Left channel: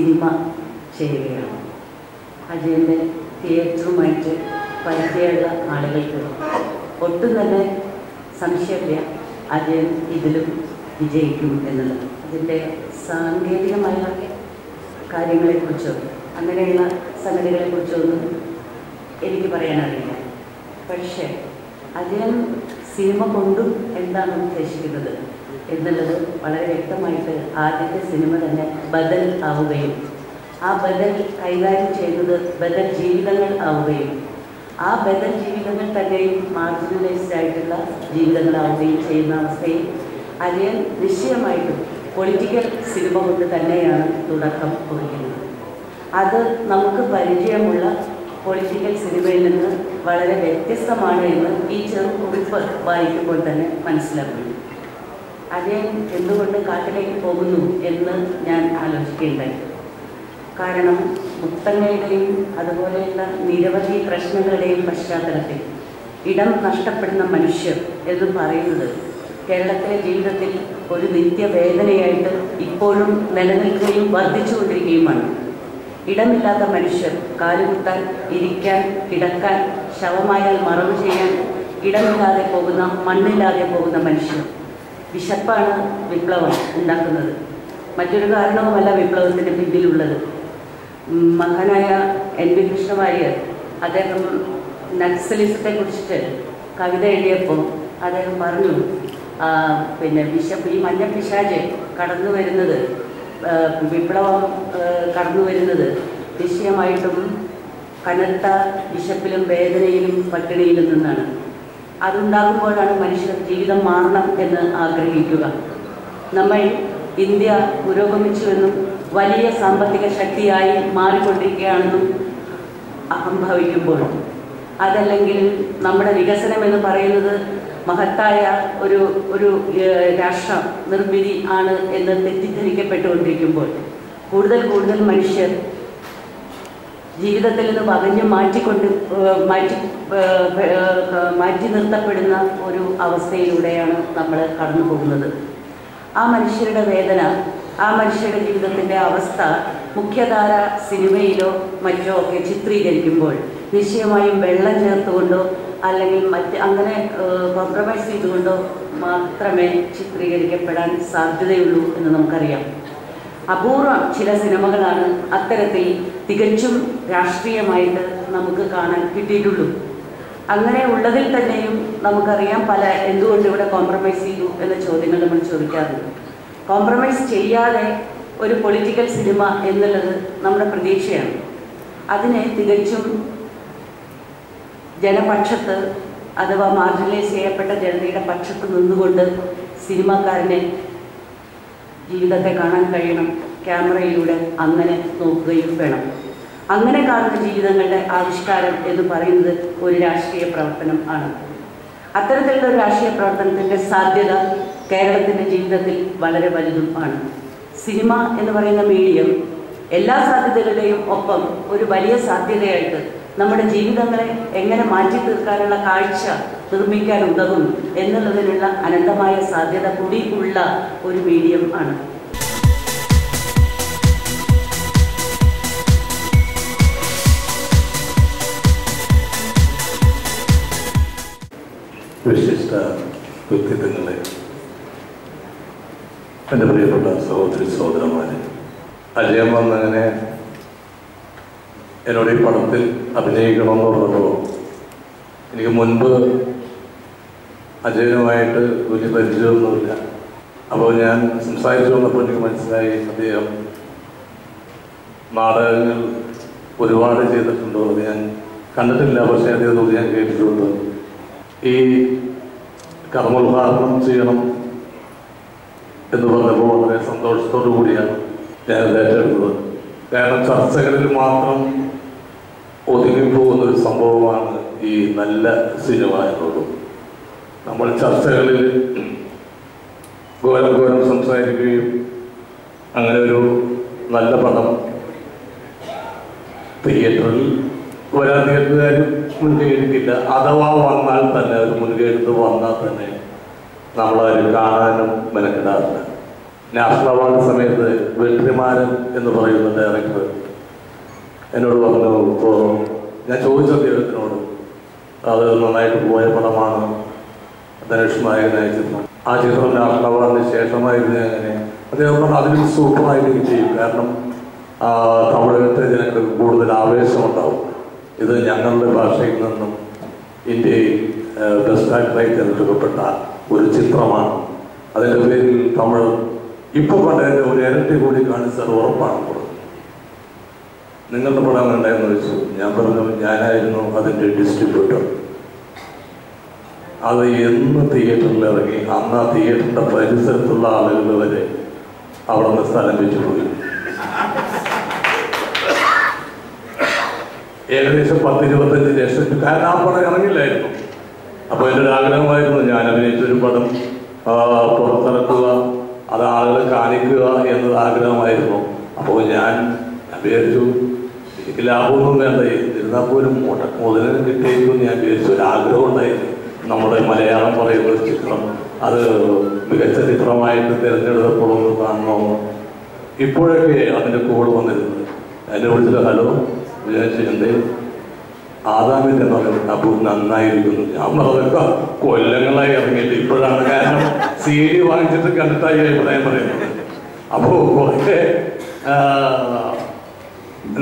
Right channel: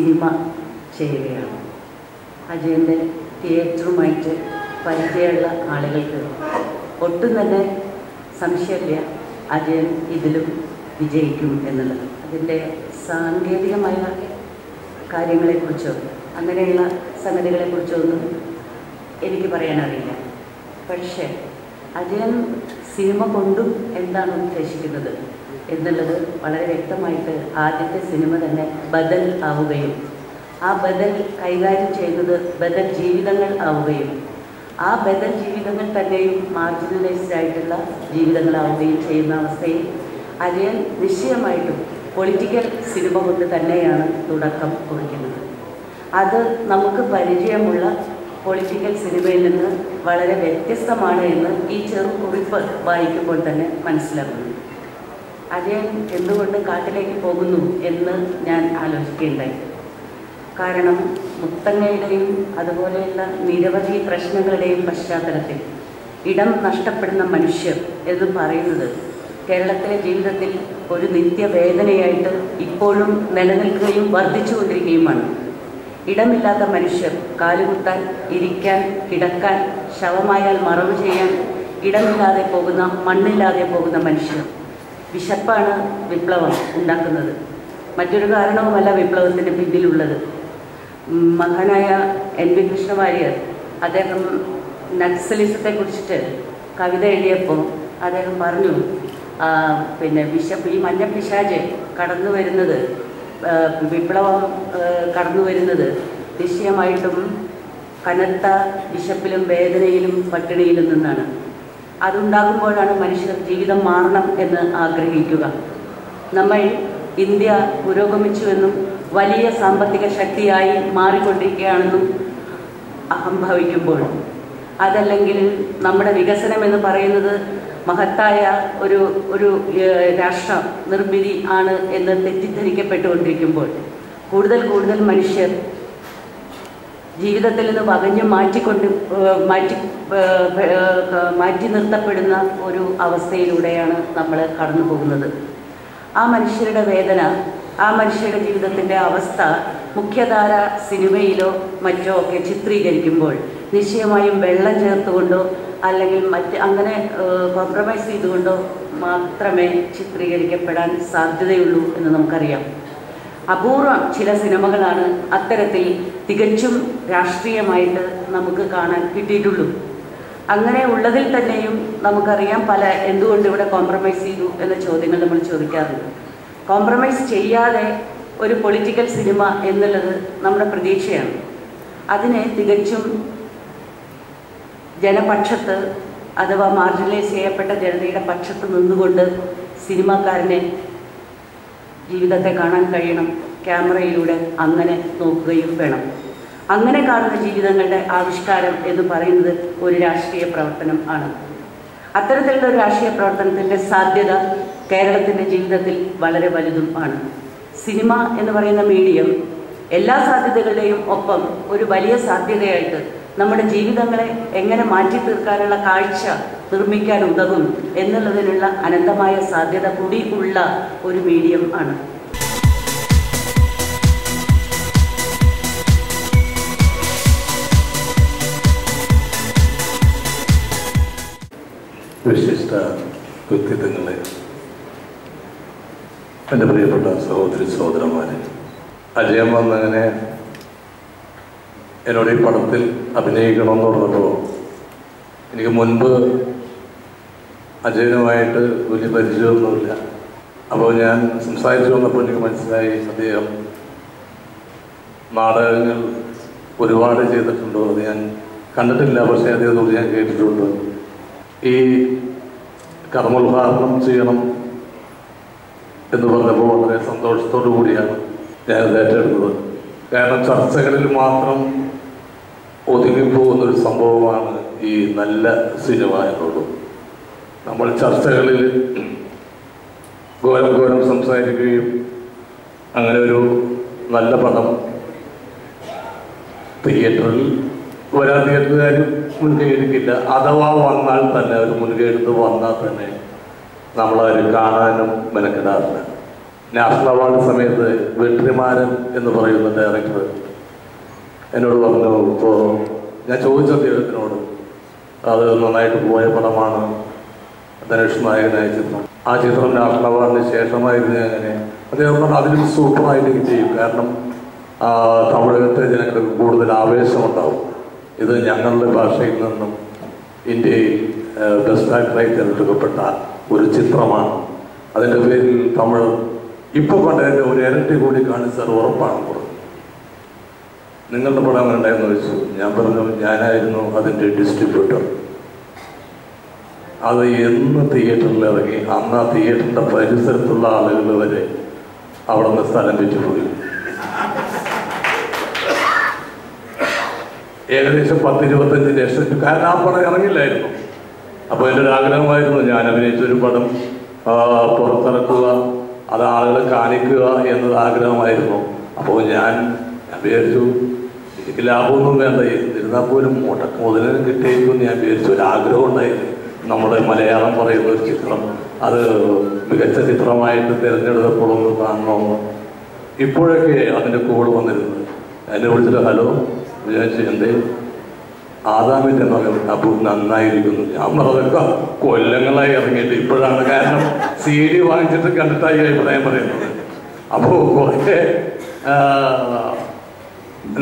Cinema ചെയ്യുകയാണ്. അജയൻ്റെ തിയേറ്ററുമായിട്ട് പരിചയമുള്ള ആളുകൾക്ക് ഒട്ടും തന്നെ സംശയമില്ല അജയൻ ഇതിലും വിജയിക്കും എന്നുള്ളത്. അതിൻ്റെ സാങ്കേതികമായ കാര്യങ്ങളെക്കുറിച്ചോ അങ്ങനെയുള്ള സംഗതികളെക്കുറിച്ചൊന്നും എനിക്ക് പറയാനറിയില്ല. പക്ഷേ അജയൻ സിനിമ കൊണ്ടും എന്താണ് ഉദ്ദേശിക്കുന്നത് എന്നുള്ളത് വളരെ വ്യക്തമായിട്ട് ആദ്യത്തെ സിനിമ തന്നെ ബദൽ ആവുകയും ആ ബദൽ കൈകാര്യം ചെയ്യുന്നത് ബദൽ ജീവിതങ്ങൾ ആവുകയും ആ ബദൽ ജീവിതങ്ങൾ തന്നെയും മാർജിനലൈസ്ഡ് ആയിട്ടുള്ള ജീവിതങ്ങളാവുകയും ചെയ്യുന്ന അവസ്ഥയിൽ അജയൻ നിശ്ചയമായിട്ടും പൊളിറ്റിക്കൽ സിനിമ കൊണ്ട് തന്നെയാണ് തുടക്കം കുറിക്കുന്നത്. അത് നമുക്ക് പരിചയമുള്ള പൊളിറ്റിക്കൽ സിനിമയിൽ നിന്ന് വളരെ വ്യത്യസ്തമാണ് എന്ന് ഈ ചെറുകുറിപ്പ് വായിക്കുമ്പോൾ തന്നെ മനസ്സിലാക്കുന്നു. അജയൻ എന്തുകൊണ്ട് കാട്ടിലേക്ക് പോകുന്നു എന്ന് ഞാൻ ആലോചിക്കുകയുണ്ടായി. കാരണം മുത്തങ്ങയുടെയും അതുപോലെയുള്ള നിരവധി പ്രശ്നങ്ങളുടെയും പശ്ചാത്തലത്തിൽ ഇടം നഷ്ടപ്പെടുന്ന മനുഷ്യർ എന്ന് പറയുന്നത് കേരളത്തിലെ ജീവിതത്തിൽ ഒരു നിത്യവേദനയായിട്ട് ഇപ്പോഴും നിലനിൽക്കുകയും വർദ്ധിച്ചുകൊണ്ടിരിക്കുകയുമാണ്. ഇടമില്ലാത്ത മനുഷ്യർ കാലുകുത്താൻ, ഇരിക്കാൻ, കിടക്കാൻ, ശവമായാൽ മറവ് ചെയ്യാൻ ഇടമില്ലാതെ പോകുന്ന, മണ്ണില്ലാതെ പോകുന്ന മനുഷ്യർ. വിശപ്പാണ് വിപ്ലവം ഉണ്ടാക്കുന്നത്. മറ്റൊരു കാരണവുമല്ല വിപ്ലവത്തിന് പിന്നിലുള്ളത്. മഹാനായ NV കൃഷ്ണവാര്യർ അദ്ദേഹം നക്സലിസത്തെ കുറിച്ചിട്ട് കവിത എഴുതിയപ്പോൾ അദ്ദേഹം പറഞ്ഞു, വിശപ്പ്, ഈ മഞ്ഞ പിശാച് കടന്നു വരുന്നത്, വിപ്ലവം കടന്നു വരുന്നത് നിശ്ചയമായിട്ടും കനത്ത വിശപ്പിലും വേദനയിലും പട്ടിണിയിലും നിന്നാണ്. അതുണ്ടാകുമ്പോഴാണ് മനുഷ്യർ ജീവിതം മാറണം എന്ന് ആഗ്രഹിക്കുക. നമ്മൾ ഇന്ത്യ പുരോഗമിച്ചുവെന്നും വലിയ സാമ്പത്തിക ശക്തിയായി മാറിക്കൊണ്ടിരിക്കുകയാണെന്നും അഹംഭവിക്കുമ്പോൾ, അതല്ലെങ്കിൽ നമ്മുടെ വികസനം എന്ന് പറയുന്നത് മഹത്തായ ഒരു രാഷ്ട്ര നിർമ്മിതി ആണ് എന്ന് തെറ്റിദ്ധരിക്കപ്പെട്ടുകൊണ്ടിരിക്കുമ്പോൾ കൂടുതൽ കൂടുതൽ മനുഷ്യർ ജീവിതത്തിൽ നിന്ന് പകഞ്ഞ് മാറ്റി നിർത്തപ്പെടുന്ന ഒരു അവസ്ഥയിലൂടെയാണ് നമ്മൾ കടന്നു പോകുന്നത്. ആ മനുഷ്യരുടെ വേദന, ആ മനുഷ്യരുടെ ജീവിതത്തിൻ്റെ അവസ്ഥ മുഖ്യധാര സിനിമയിലോ മറ്റോ ഒക്കെ ചിത്രീകരിക്കുമ്പോൾ നിശ്ചയമായും വെള്ളം ചേർത്തുകൊണ്ടോ അല്ലെങ്കിൽ അങ്ങനെ കോംപ്രമൈസ് ചെയ്തുകൊണ്ടോ മാത്രമേ ചിത്രീകരിക്കപ്പെടാൻ സാധ്യതയുള്ളൂ എന്ന് നമുക്കറിയാം. അപൂർവം ചില സിനിമകളാണ് അത്തരത്തിൽ തികച്ചും രാഷ്ട്രീയമായിട്ട് നമുക്ക് കാണാൻ കിട്ടിയിട്ടുള്ളൂ. അങ്ങനെ ഉള്ളതിൽ തന്നെയും നമുക്കറിയാം എന്തുകൊണ്ട് ഇവിടെ കോംപ്രമൈസ് ചെയ്തു എന്ന ചോദ്യങ്ങൾ നമ്മൾ ചോദിക്കാറുണ്ട്. കോംപ്രമൈസ് ചെയ്യാതെ ഒരു പൊളിറ്റിക്കൽ സിനിമ എന്നുള്ളത് നമ്മുടെ പ്രതീക്ഷയാണ്. അതിനെ തികച്ചും ജനപക്ഷത്ത് അഥവാ മാർജിനലൈസ് ചെയ്യപ്പെട്ട ജനതയുടെ പക്ഷത്ത് നിന്നുകൊണ്ട് സിനിമാക്കാരനെ ജീവിതത്തെ കാണാൻ കഴിയണം. ക്യാമറയിലൂടെ അങ്ങനെ നോക്കുകയും വേണം. അങ്ങനെ കാണുന്ന ജീവിതങ്ങളുടെ ആവിഷ്കാരം എന്ന് പറയുന്നത് ഒരു രാഷ്ട്രീയ പ്രവർത്തനം ആണ്. അത്തരത്തിലുള്ള ഒരു രാഷ്ട്രീയ പ്രവർത്തനത്തിൻ്റെ സാധ്യത കേരളത്തിൻ്റെ ജീവിതത്തിൽ വളരെ വലുതും ആണ്. സിനിമ എന്ന് പറയുന്ന മീഡിയം എല്ലാ സാധ്യതകളുടെയും ഒപ്പം ഒരു വലിയ സാധ്യതയായിട്ട് നമ്മുടെ ജീവിതങ്ങളെ എങ്ങനെ മാറ്റി തീർക്കാനുള്ള കാഴ്ച നിർമ്മിക്കാൻ ഉതകും എന്നുള്ളതിനുള്ള അനന്തമായ സാധ്യത കൂടി ഉള്ള ഒരു മീഡിയം ആണ്. വിശിഷ്ട വ്യക്തിത്വങ്ങളെ, എൻ്റെ പ്രിയപ്പെട്ട സഹോദരി സഹോദരന്മാരെ, അജയൻ വന്നങ്ങനെ എന്നോട് ഈ പടത്തിൽ അഭിനയിക്കണമെന്ന് പറഞ്ഞപ്പോൾ എനിക്ക് മുൻപ് അജയനുമായിട്ട് വലിയ പരിചയമൊന്നുമില്ല. അപ്പോൾ ഞാൻ സംസാരിച്ചു വന്നപ്പോൾ എനിക്ക് മനസ്സിലായി അദ്ദേഹം നാടകങ്ങൾ ഒരുപാട് ചെയ്തിട്ടുണ്ടോ. അത് ഞാൻ കണ്ടിട്ടില്ല, പക്ഷേ അദ്ദേഹത്തോട് ഞാൻ കേട്ടിട്ടുണ്ട്. ഈ കർമ്മോദ്ഘാടനം ചെയ്യണം എന്ന് പറഞ്ഞപ്പോൾ വളരെ സന്തോഷത്തോടു കൂടിയാണ് ഞാനത് ഏറ്റെടുത്തത്. കാരണം ചർച്ചകളിൽ മാത്രം ഒതുങ്ങിപ്പോകുന്നൊരു സംഭവമാണ് ഈ നല്ല സിനിമ എന്നുള്ളത്. നമ്മൾ ചർച്ചകളിൽ ഘോരം സംസാരിക്കുകയും അങ്ങനെ ഒരു നല്ല പടം തിയേറ്ററിൽ വരാൻ തിയേറ്ററുകാരും മുൻകൈ എടുക്കില്ല. അഥവാ വന്നാൽ തന്നെ ഒരു മുൻകൈ എടുത്ത് വന്നാൽ തന്നെ നമ്മളതിൽ കാണാനും മെനക്കെടാറില്ല. നാഷണൽ അവാർഡ് സമയത്ത് വെട്രിമാരൻ എന്ന് പറയുന്ന ഡയറക്ടർ എന്നോട് പറഞ്ഞു, ഇപ്പോൾ ഞാൻ ചോദിച്ചു അദ്ദേഹത്തിനോട്, അത് നന്നായിട്ട് പോയ പടമാണ് ധനുഷ് നായകനായ ചിത്രം, ആ ചിത്രം നാഷണൽ അവാർഡിന് ശേഷമായിരുന്നു അങ്ങനെ. അദ്ദേഹം പറഞ്ഞു അതിലും സൂപ്പറായിട്ട് ചെയ്യും, കാരണം തമിഴകത്തെ ജനങ്ങൾക്ക് കൂടുതൽ ആവേശമുണ്ടാവും. ഇത് ഞങ്ങളുടെ ഭാഷയിൽ നിന്നും ഇന്ത്യയിൽ ബെസ്റ്റ് ആക്ടറായി തിരഞ്ഞെടുക്കപ്പെട്ട ഒരു ചിത്രമാണ്. അതിൻ്റെ പേരിൽ തമിഴ് ഇപ്പോൾ കണ്ടതിൻ്റെ ഒരു ഇരട്ടി കൂടി കാണിച്ചാൽ ഉറപ്പാണ് പറഞ്ഞു. നിങ്ങളുടെ പടം ഉണ്ടായെന്ന് ചോദിച്ചു. ഞാൻ പറഞ്ഞു ഞാനായിരുന്നു അതിൻ്റെ ഡിസ്ട്രിബ്യൂട്ടർ. അത് എന്ന് തിയേറ്ററിൽ ഇറങ്ങി അന്ന് ആ തിയേറ്ററിൻ്റെ പരിസരത്തുള്ള ആളുകൾ വരെ അവിടെ നിന്ന് സ്ഥലം വെച്ചു പോയി. ഏകദേശം 10-25 ലക്ഷം, കാരണം ആ പടം ഇറങ്ങില്ലായിരുന്നു. അപ്പോൾ എൻ്റെ ഒരു ആഗ്രഹമായിരുന്നു ഞാൻ അഭിനയിച്ചൊരു പടം പുറത്തിറക്കുക, അത് ആളുകളെ കാണിക്കുക എന്നത് ആഗ്രഹമായിരുന്നു. അപ്പോൾ ഞാൻ വിചാരിച്ചു എനിക്ക് ലാഭമൊന്നും വേണ്ട, എന്നിരുന്നാൽ പോലും മുതലിന് കിട്ടിയിരിക്കും ഞാൻ വിചാരിച്ചു. ഒരു ആഗ്രഹം ഉണ്ടായിരുന്നു നമ്മുടെ മലയാളം പറയുന്ന ഒരു ചിത്രം അത് മികച്ച ചിത്രമായിട്ട് തിരഞ്ഞെടുക്കപ്പെടുമെന്ന് കാണണമെന്ന്. ഇപ്പോഴൊക്കെ അതിൻ്റെ കോഡ് വന്നിരുന്നത് എന്നെ വിളിച്ചിട്ട് ഹലോ വിചാരിച്ചു എന്തേ ആദാമിൻ്റെ മകൻ അപ്പോൾ നന്നായിരിക്കുന്നു. ഞാൻ പറഞ്ഞൊക്കെ കൊല്ലങ്ങളായി ഇറങ്ങിയിട്ട് ഇപ്പോഴാണ്, കാരണം CD വാങ്ങിച്ചിട്ട് കണ്ടിട്ടായി അഭിപ്രായം പറയുന്നത്. അപ്പോൾ കുറേ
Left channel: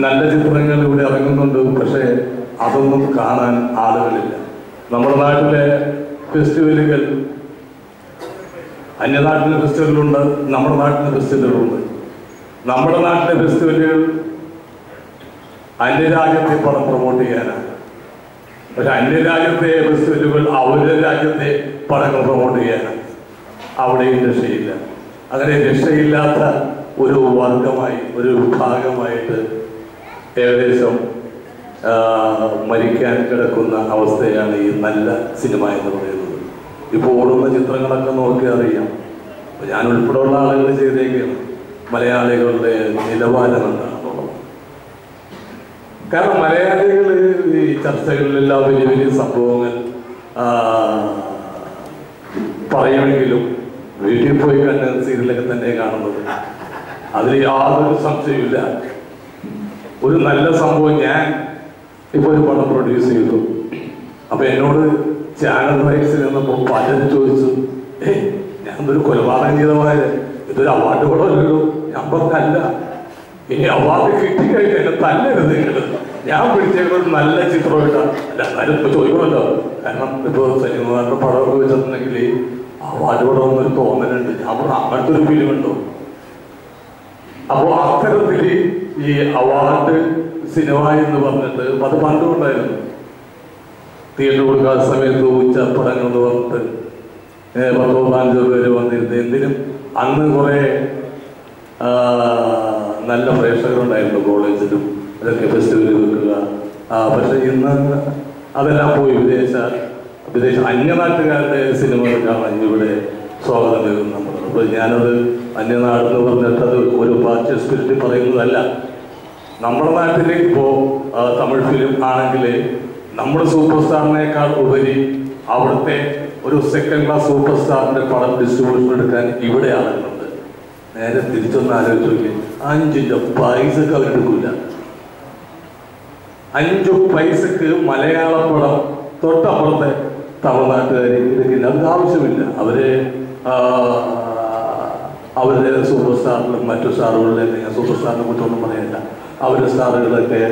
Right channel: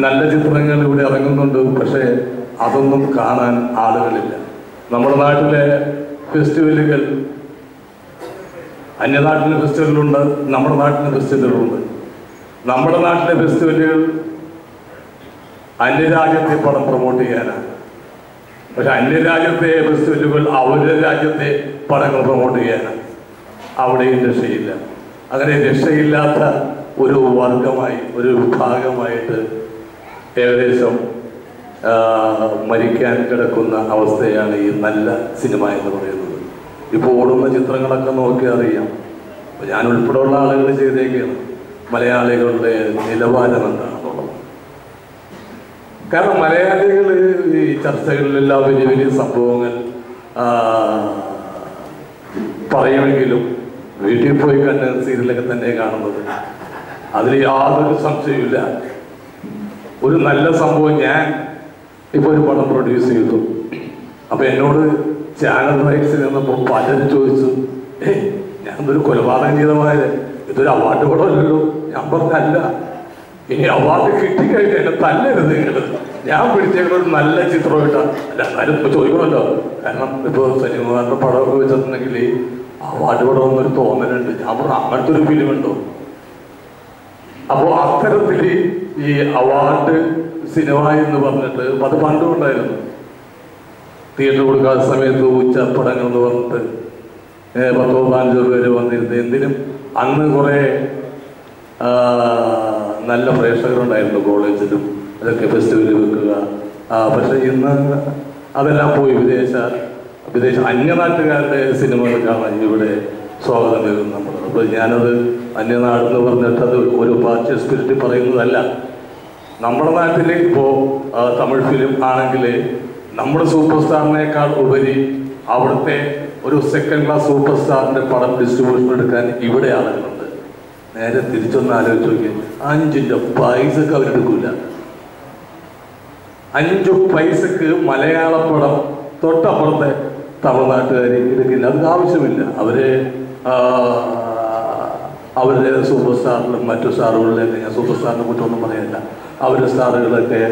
നല്ല ചിത്രങ്ങൾ ഇവിടെ ഇറങ്ങുന്നുണ്ട്, പക്ഷേ അതൊന്നും കാണാൻ ആളുകളില്ല. നമ്മുടെ നാട്ടിലെ ഫെസ്റ്റിവലുകൾ, അന്യനാട്ടിലെ ഫെസ്റ്റിവലുകളുണ്ട്, നമ്മുടെ നാട്ടിലെ ഫെസ്റ്റിവലുകളുണ്ട്. നമ്മുടെ നാട്ടിലെ ഫെസ്റ്റിവലുകൾ അന്യരാജ്യത്തെ പടം പ്രൊമോട്ട് ചെയ്യാനാണ്, പക്ഷെ അന്യരാജ്യത്തെ ഫെസ്റ്റിവലുകൾ അവരുടെ രാജ്യത്തെ പടങ്ങൾ പ്രൊമോട്ട് ചെയ്യാനാണ്. അവിടെയും രക്ഷയില്ല. അങ്ങനെ രക്ഷയില്ലാത്ത ഒരു വർഗമായി, ഒരു വിഭാഗമായിട്ട് ഏകദേശം മരിക്കാൻ കിടക്കുന്ന അവസ്ഥയാണ് ഈ നല്ല സിനിമ എന്ന് പറയുന്നത്. ഇപ്പോൾ ഓടുന്ന ചിത്രങ്ങളൊക്കെ നോക്കി അറിയാം. ഞാൻ ഉൾപ്പെടെയുള്ള ആളുകൾ ചെയ്തേക്കാണ് മലയാളികളുടെ നിലവാരം എന്താണെന്നുള്ളത്. കാരണം മലയാളികൾ ഈ ചർച്ചകളിലെല്ലാം വലിയ വലിയ സംഭവങ്ങൾ പറയുമെങ്കിലും വീട്ടിൽ പോയി കണ്ട സീരിയലൊക്കെ തന്നെ കാണുന്നത്. അതിൽ യാതൊരു സംശയമില്ല. ഒരു നല്ല സംഭവം, ഞാൻ ഇപ്പോൾ ഒരു പടം പ്രൊഡ്യൂസ് ചെയ്തു. അപ്പൊ എന്നോട് ചാനൽ റൈറ്റ്സിൽ നിന്നപ്പോൾ പലരും ചോദിച്ചു, ഞാനൊരു കൊലപാതകം ചെയ്തമാര് ഇതൊരു അവാർഡ് പടമല്ലല്ലോ. ഞാൻ പറഞ്ഞല്ല, ഇനി അവാർഡ് കിട്ടിക്കഴിഞ്ഞാൽ എന്നെ തല്ലരുത് നിങ്ങൾ, ഞാൻ പിടിച്ചേക്കൊരു നല്ല ചിത്രം ഇട്ടാണ്. അല്ല എന്നാലും ഇപ്പൊ ചോദിക്കണമല്ലോ, കാരണം ഇപ്പൊ സനികുമാറിന്റെ പടമൊക്കെ വെച്ചിട്ടുണ്ടെങ്കിൽ അവാർഡ് പടമെന്നൊരു തോന്നലുണ്ട്. ഞാൻ പറഞ്ഞു അങ്ങനത്തെ ഒരു ഫിലിം ഉണ്ടോ? അപ്പോൾ അത്തരത്തിൽ ഈ അവാർഡ് സിനിമ എന്ന് പറഞ്ഞിട്ട് അത് പണ്ടുകൊണ്ടായിരുന്നു. തിയേറ്റർ കൊടുക്കാത്ത സമയത്ത് ഉച്ചപ്പടങ്ങൾ എന്ന് പറഞ്ഞിട്ട് 10-15 പേര് വന്നിരുന്നത്. എന്തിനും അന്ന് കുറെ നല്ല പ്രേക്ഷകരുണ്ടായിരുന്നു കോളേജിലും അതൊക്കെ ഫെസ്റ്റിവൽ വെക്കുക. പക്ഷെ ഇന്ന് അതെല്ലാം പോയി വിദേശ അന്യനാട്ടുകാരുടെ സിനിമകൾ കാണാൻ ഇവിടെ സ്വാഗതം നൽകുന്നു നമ്മൾ. അപ്പോൾ ഞാനത് അന്യനാടെന്ന് പറഞ്ഞിട്ട് അത് ഒരു പാർട്ടി സ്പിരിറ്റ് പറയുന്നതല്ല. നമ്മുടെ നാട്ടിൽ ഇപ്പോൾ തമിഴ് ഫിലിം ആണെങ്കിൽ നമ്മുടെ സൂപ്പർ സ്റ്റാറിനേക്കാൾ ഉപരി അവിടുത്തെ ഒരു സെക്കൻഡ് ക്ലാസ് സൂപ്പർ സ്റ്റാറിന്റെ പടം ഡിസ്ട്രിബ്യൂഷൻ എടുക്കാൻ ഇവിടെ ആളുകളുണ്ട്. നേരെ തിരിച്ചൊന്ന് ആലോചിച്ച് നോക്കി, 5 പൈസക്ക് അവരെടുക്കില്ല. 5 പൈസക്ക് മലയാള പടം തൊട്ടപ്പുറത്തെ തമിഴ്നാട്ടുകാർ എടുക്കില്ല. അവർക്ക് ആവശ്യമില്ല. അവരുടെ സൂപ്പർ സ്റ്റാറിലും മറ്റു സ്റ്റാറുകളിലൊക്കെ, ഞാൻ സൂപ്പർ സ്റ്റാറിനെ കുറിച്ചൊന്നും പറയില്ല, അവരുടെ സ്റ്റാറുകളൊക്കെ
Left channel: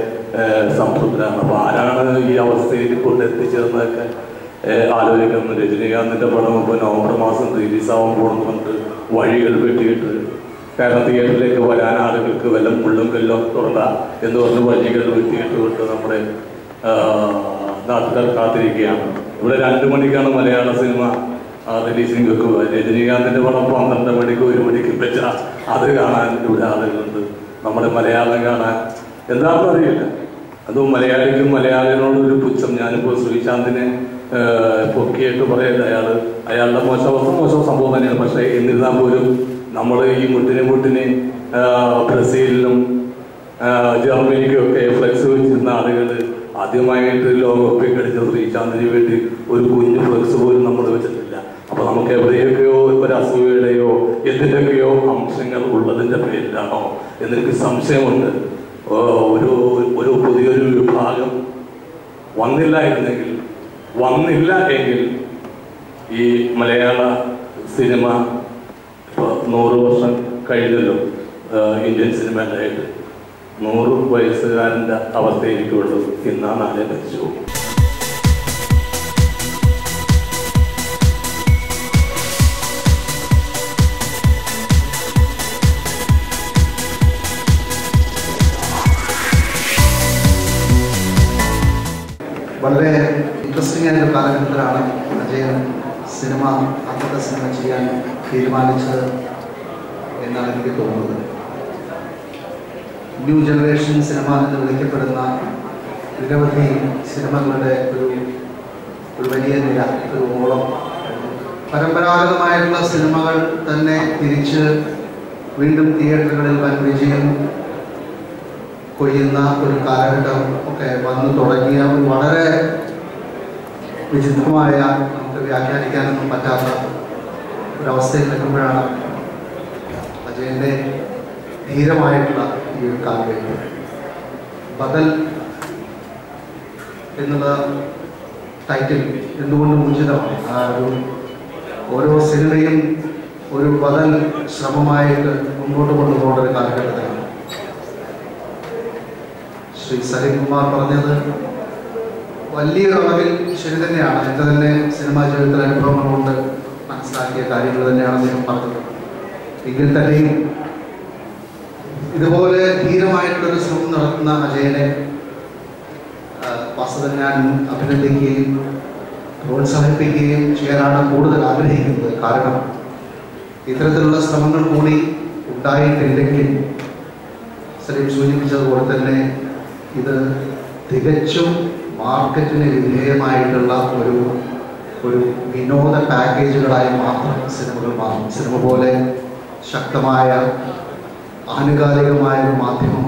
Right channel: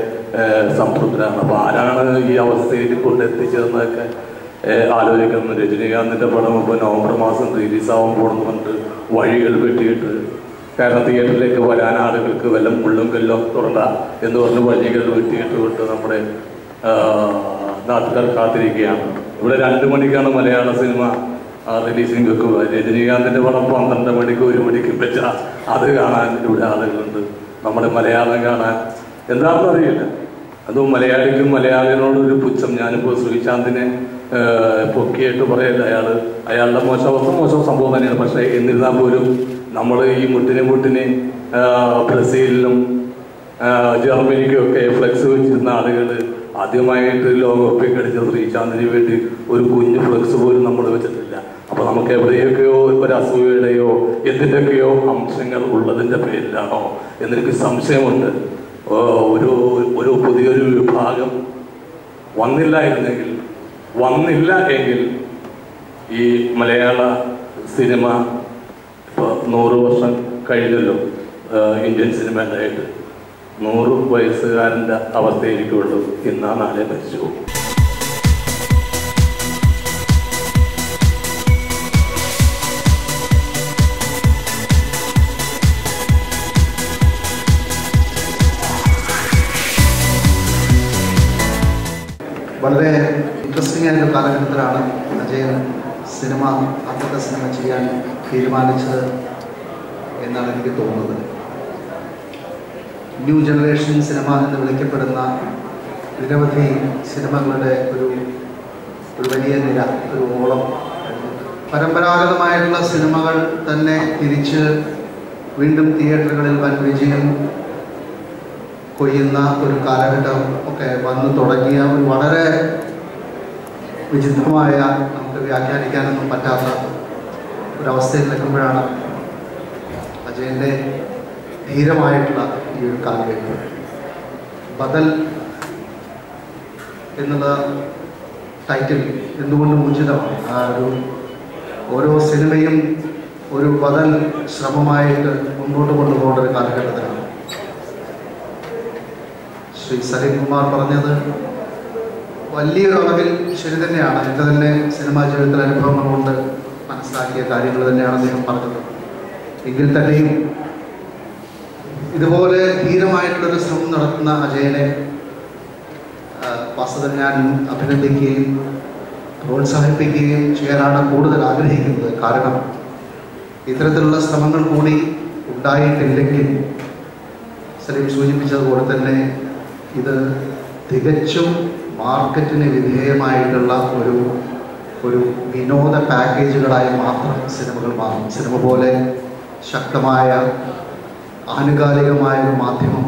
സംതൃപ്തരാണ്. അപ്പോൾ ആരാണ് ഈ അവസ്ഥയിൽ കൊണ്ടെത്തിച്ചതെന്നൊക്കെ ആലോചിക്കുന്നു. രജനീകാന്തിൻ്റെ പടം ഇപ്പോൾ നവംബർ മാസം റിലീസാവാൻ പോകണമെന്ന് പറഞ്ഞിട്ട് വഴികൾ വെട്ടിയിട്ട്, കാരണം തിയേറ്ററിലേക്ക് വരാൻ ആളുകൾക്ക് വല്ല മുള്ളും കല്ലോ തുറണ്ട എന്ന് പറഞ്ഞ് വഴികൾ വെട്ടിയിട്ട് വിട്ട് നമ്മുടെ നാട്ടുകാർ കാത്തിരിക്കുകയാണ്. ഇവിടെ 2 മണിക്കാണ് മലയാള സിനിമ റിലീസിങ് വെക്കുക. രജനീകാന്തിൻ്റെ പടം 12 മണിക്ക് 1 മണിക്ക് വെച്ചാൽ അത് കാണാൻ ഇവിടെ ആളുകളുണ്ട്. നമ്മുടെ മലയാളം കാണാൻ എന്താണെന്ന് അറിയില്ല. അതും മലയാളിക്കും മലയാളികളോടൊരു പുച്ഛം. ഞാനിപ്പോൾ ശ്രീശാന്തിനെ പൊക്കിയിട്ട് പറയല്ല, അയാളുടെ മോശം സംഭവം തന്നെയാണ്. പക്ഷേ എന്നിരുന്നാൽ പോലും നമ്മൾ ഈ മുട്ടിനെ ബ്രസീലിലും ജർമ്മനിക്കും ഒക്കെ ഫ്ലെക്സ് വെച്ചിരുന്ന ആളുകൾ ആദ്യമായിട്ട് ലോകകപ്പിൽ കളിച്ച ശ്രീശാന്തിന് വേണ്ടി ഒരു കുഞ്ഞു ഫ്ലെക്സ് പോലും നമ്മൾ വെച്ചിട്ടില്ല. അപ്പൊ നമുക്ക് എവിടെയൊക്കെയോ ഒരു അസൂയയുടെയോ എന്തിൻ്റെയൊക്കെയോ അംശങ്ങൾ ഉള്ളതിൻ്റെ പേരിലാണോ എന്നെനിക്ക് സംശയമുണ്ട്. ഒരു പുതിയൊരു വിഭാഗം വന്നില്ല എങ്കിൽ ഈ മലയാള സിനിമ ഇപ്പോൾ 100 വർഷം കഴിഞ്ഞല്ലോ. ഇന്ത്യൻ സിനിമയിലായിട്ട് 100 വയസ്സുകാരൻ്റെ അവസ്ഥയായിരിക്കുള്ളൂ. ഇന്നാ നാളെ മരിച്ചു പോകും. വളരെ ഇൻട്രസ്റ്റിംഗ് ആയൊരു കാലഘട്ടത്തിലാണ് അജയൻ ആദ്യത്തെ സിനിമ ചെയ്യാൻ തീരുമാനിച്ചത് എന്നാണ് എനിക്ക് തോന്നുന്നത്. ന്യൂ ജനറേഷൻ സിനിമ എന്ന് വിളിക്കപ്പെടുന്ന നിരവധി സിനിമകളുടെ ഒരു വലിയ നിര, ഒരു ഓളം, പരമ്പരാഗതമായിട്ടുള്ള സിനിമകൾ തന്നെ തിരിച്ച് വീണ്ടും തിയേറ്ററുകളിൽ വൻ വിജയം കൊയ്യുന്ന ഒരു കാലഘട്ടം ഒക്കെ വന്നു തുടങ്ങിയ ഒരു വളരെ വിചിത്രമായ, നമുക്ക് വ്യാഖ്യാനിക്കാനൊന്നും പറ്റാത്ത ഒരവസ്ഥയിൽ നിൽക്കുമ്പോഴാണ് അജയൻ്റെ ധീരമായിട്ടുള്ള ഈ ഒരു കാലഘട്ടം. ബദൽ എന്നുള്ള ടൈറ്റിൽ എന്തുകൊണ്ടും ഉചിതമാണ്. ആ ഓരോ സിനിമയും ഒരു ബദൽ ശ്രമമായിട്ട് മുമ്പോട്ട് കൊണ്ടുപോകേണ്ട ഒരു കാലഘട്ടത്തിലാണ്. ശ്രീ സലീം കുമാർ പറഞ്ഞത് വലിയൊരു അളവിൽ ശരി തന്നെയാണ്. എൻ്റെ തന്നെ സിനിമാ ജീവിതത്തിലെ അനുഭവങ്ങൾ കൊണ്ട് മനസ്സിലാക്കിയ കാര്യങ്ങൾ തന്നെയാണ് അദ്ദേഹം പറഞ്ഞത്. എങ്കിൽ തന്നെയും ഇതുപോലെ ധീരമായിട്ടുള്ളൊരു ശ്രമം നടത്തുന്ന അജയനെ വാസ്തവം ഞാൻ അഭിനന്ദിക്കുകയും പ്രോത്സാഹിപ്പിക്കുകയും ചെയ്യാനാണ് കൂടുതൽ ആഗ്രഹിക്കുന്നത്. കാരണം ഇത്തരത്തിലുള്ള ശ്രമങ്ങൾ കൂടി ഉണ്ടായിട്ടില്ലെങ്കിൽ സലീം സൂചിപ്പിച്ചതുപോലെ തന്നെ ഇത് തികച്ചും മാർക്കറ്റിന് വിധേയമായിട്ടുള്ള ഒരു വിനോദ പാക്കേജുകളായി മാത്രം സിനിമകൾ മാറും. സിനിമ പോലെ ശക്തമായ ആനുകാലികമായ ഒരു മാധ്യമം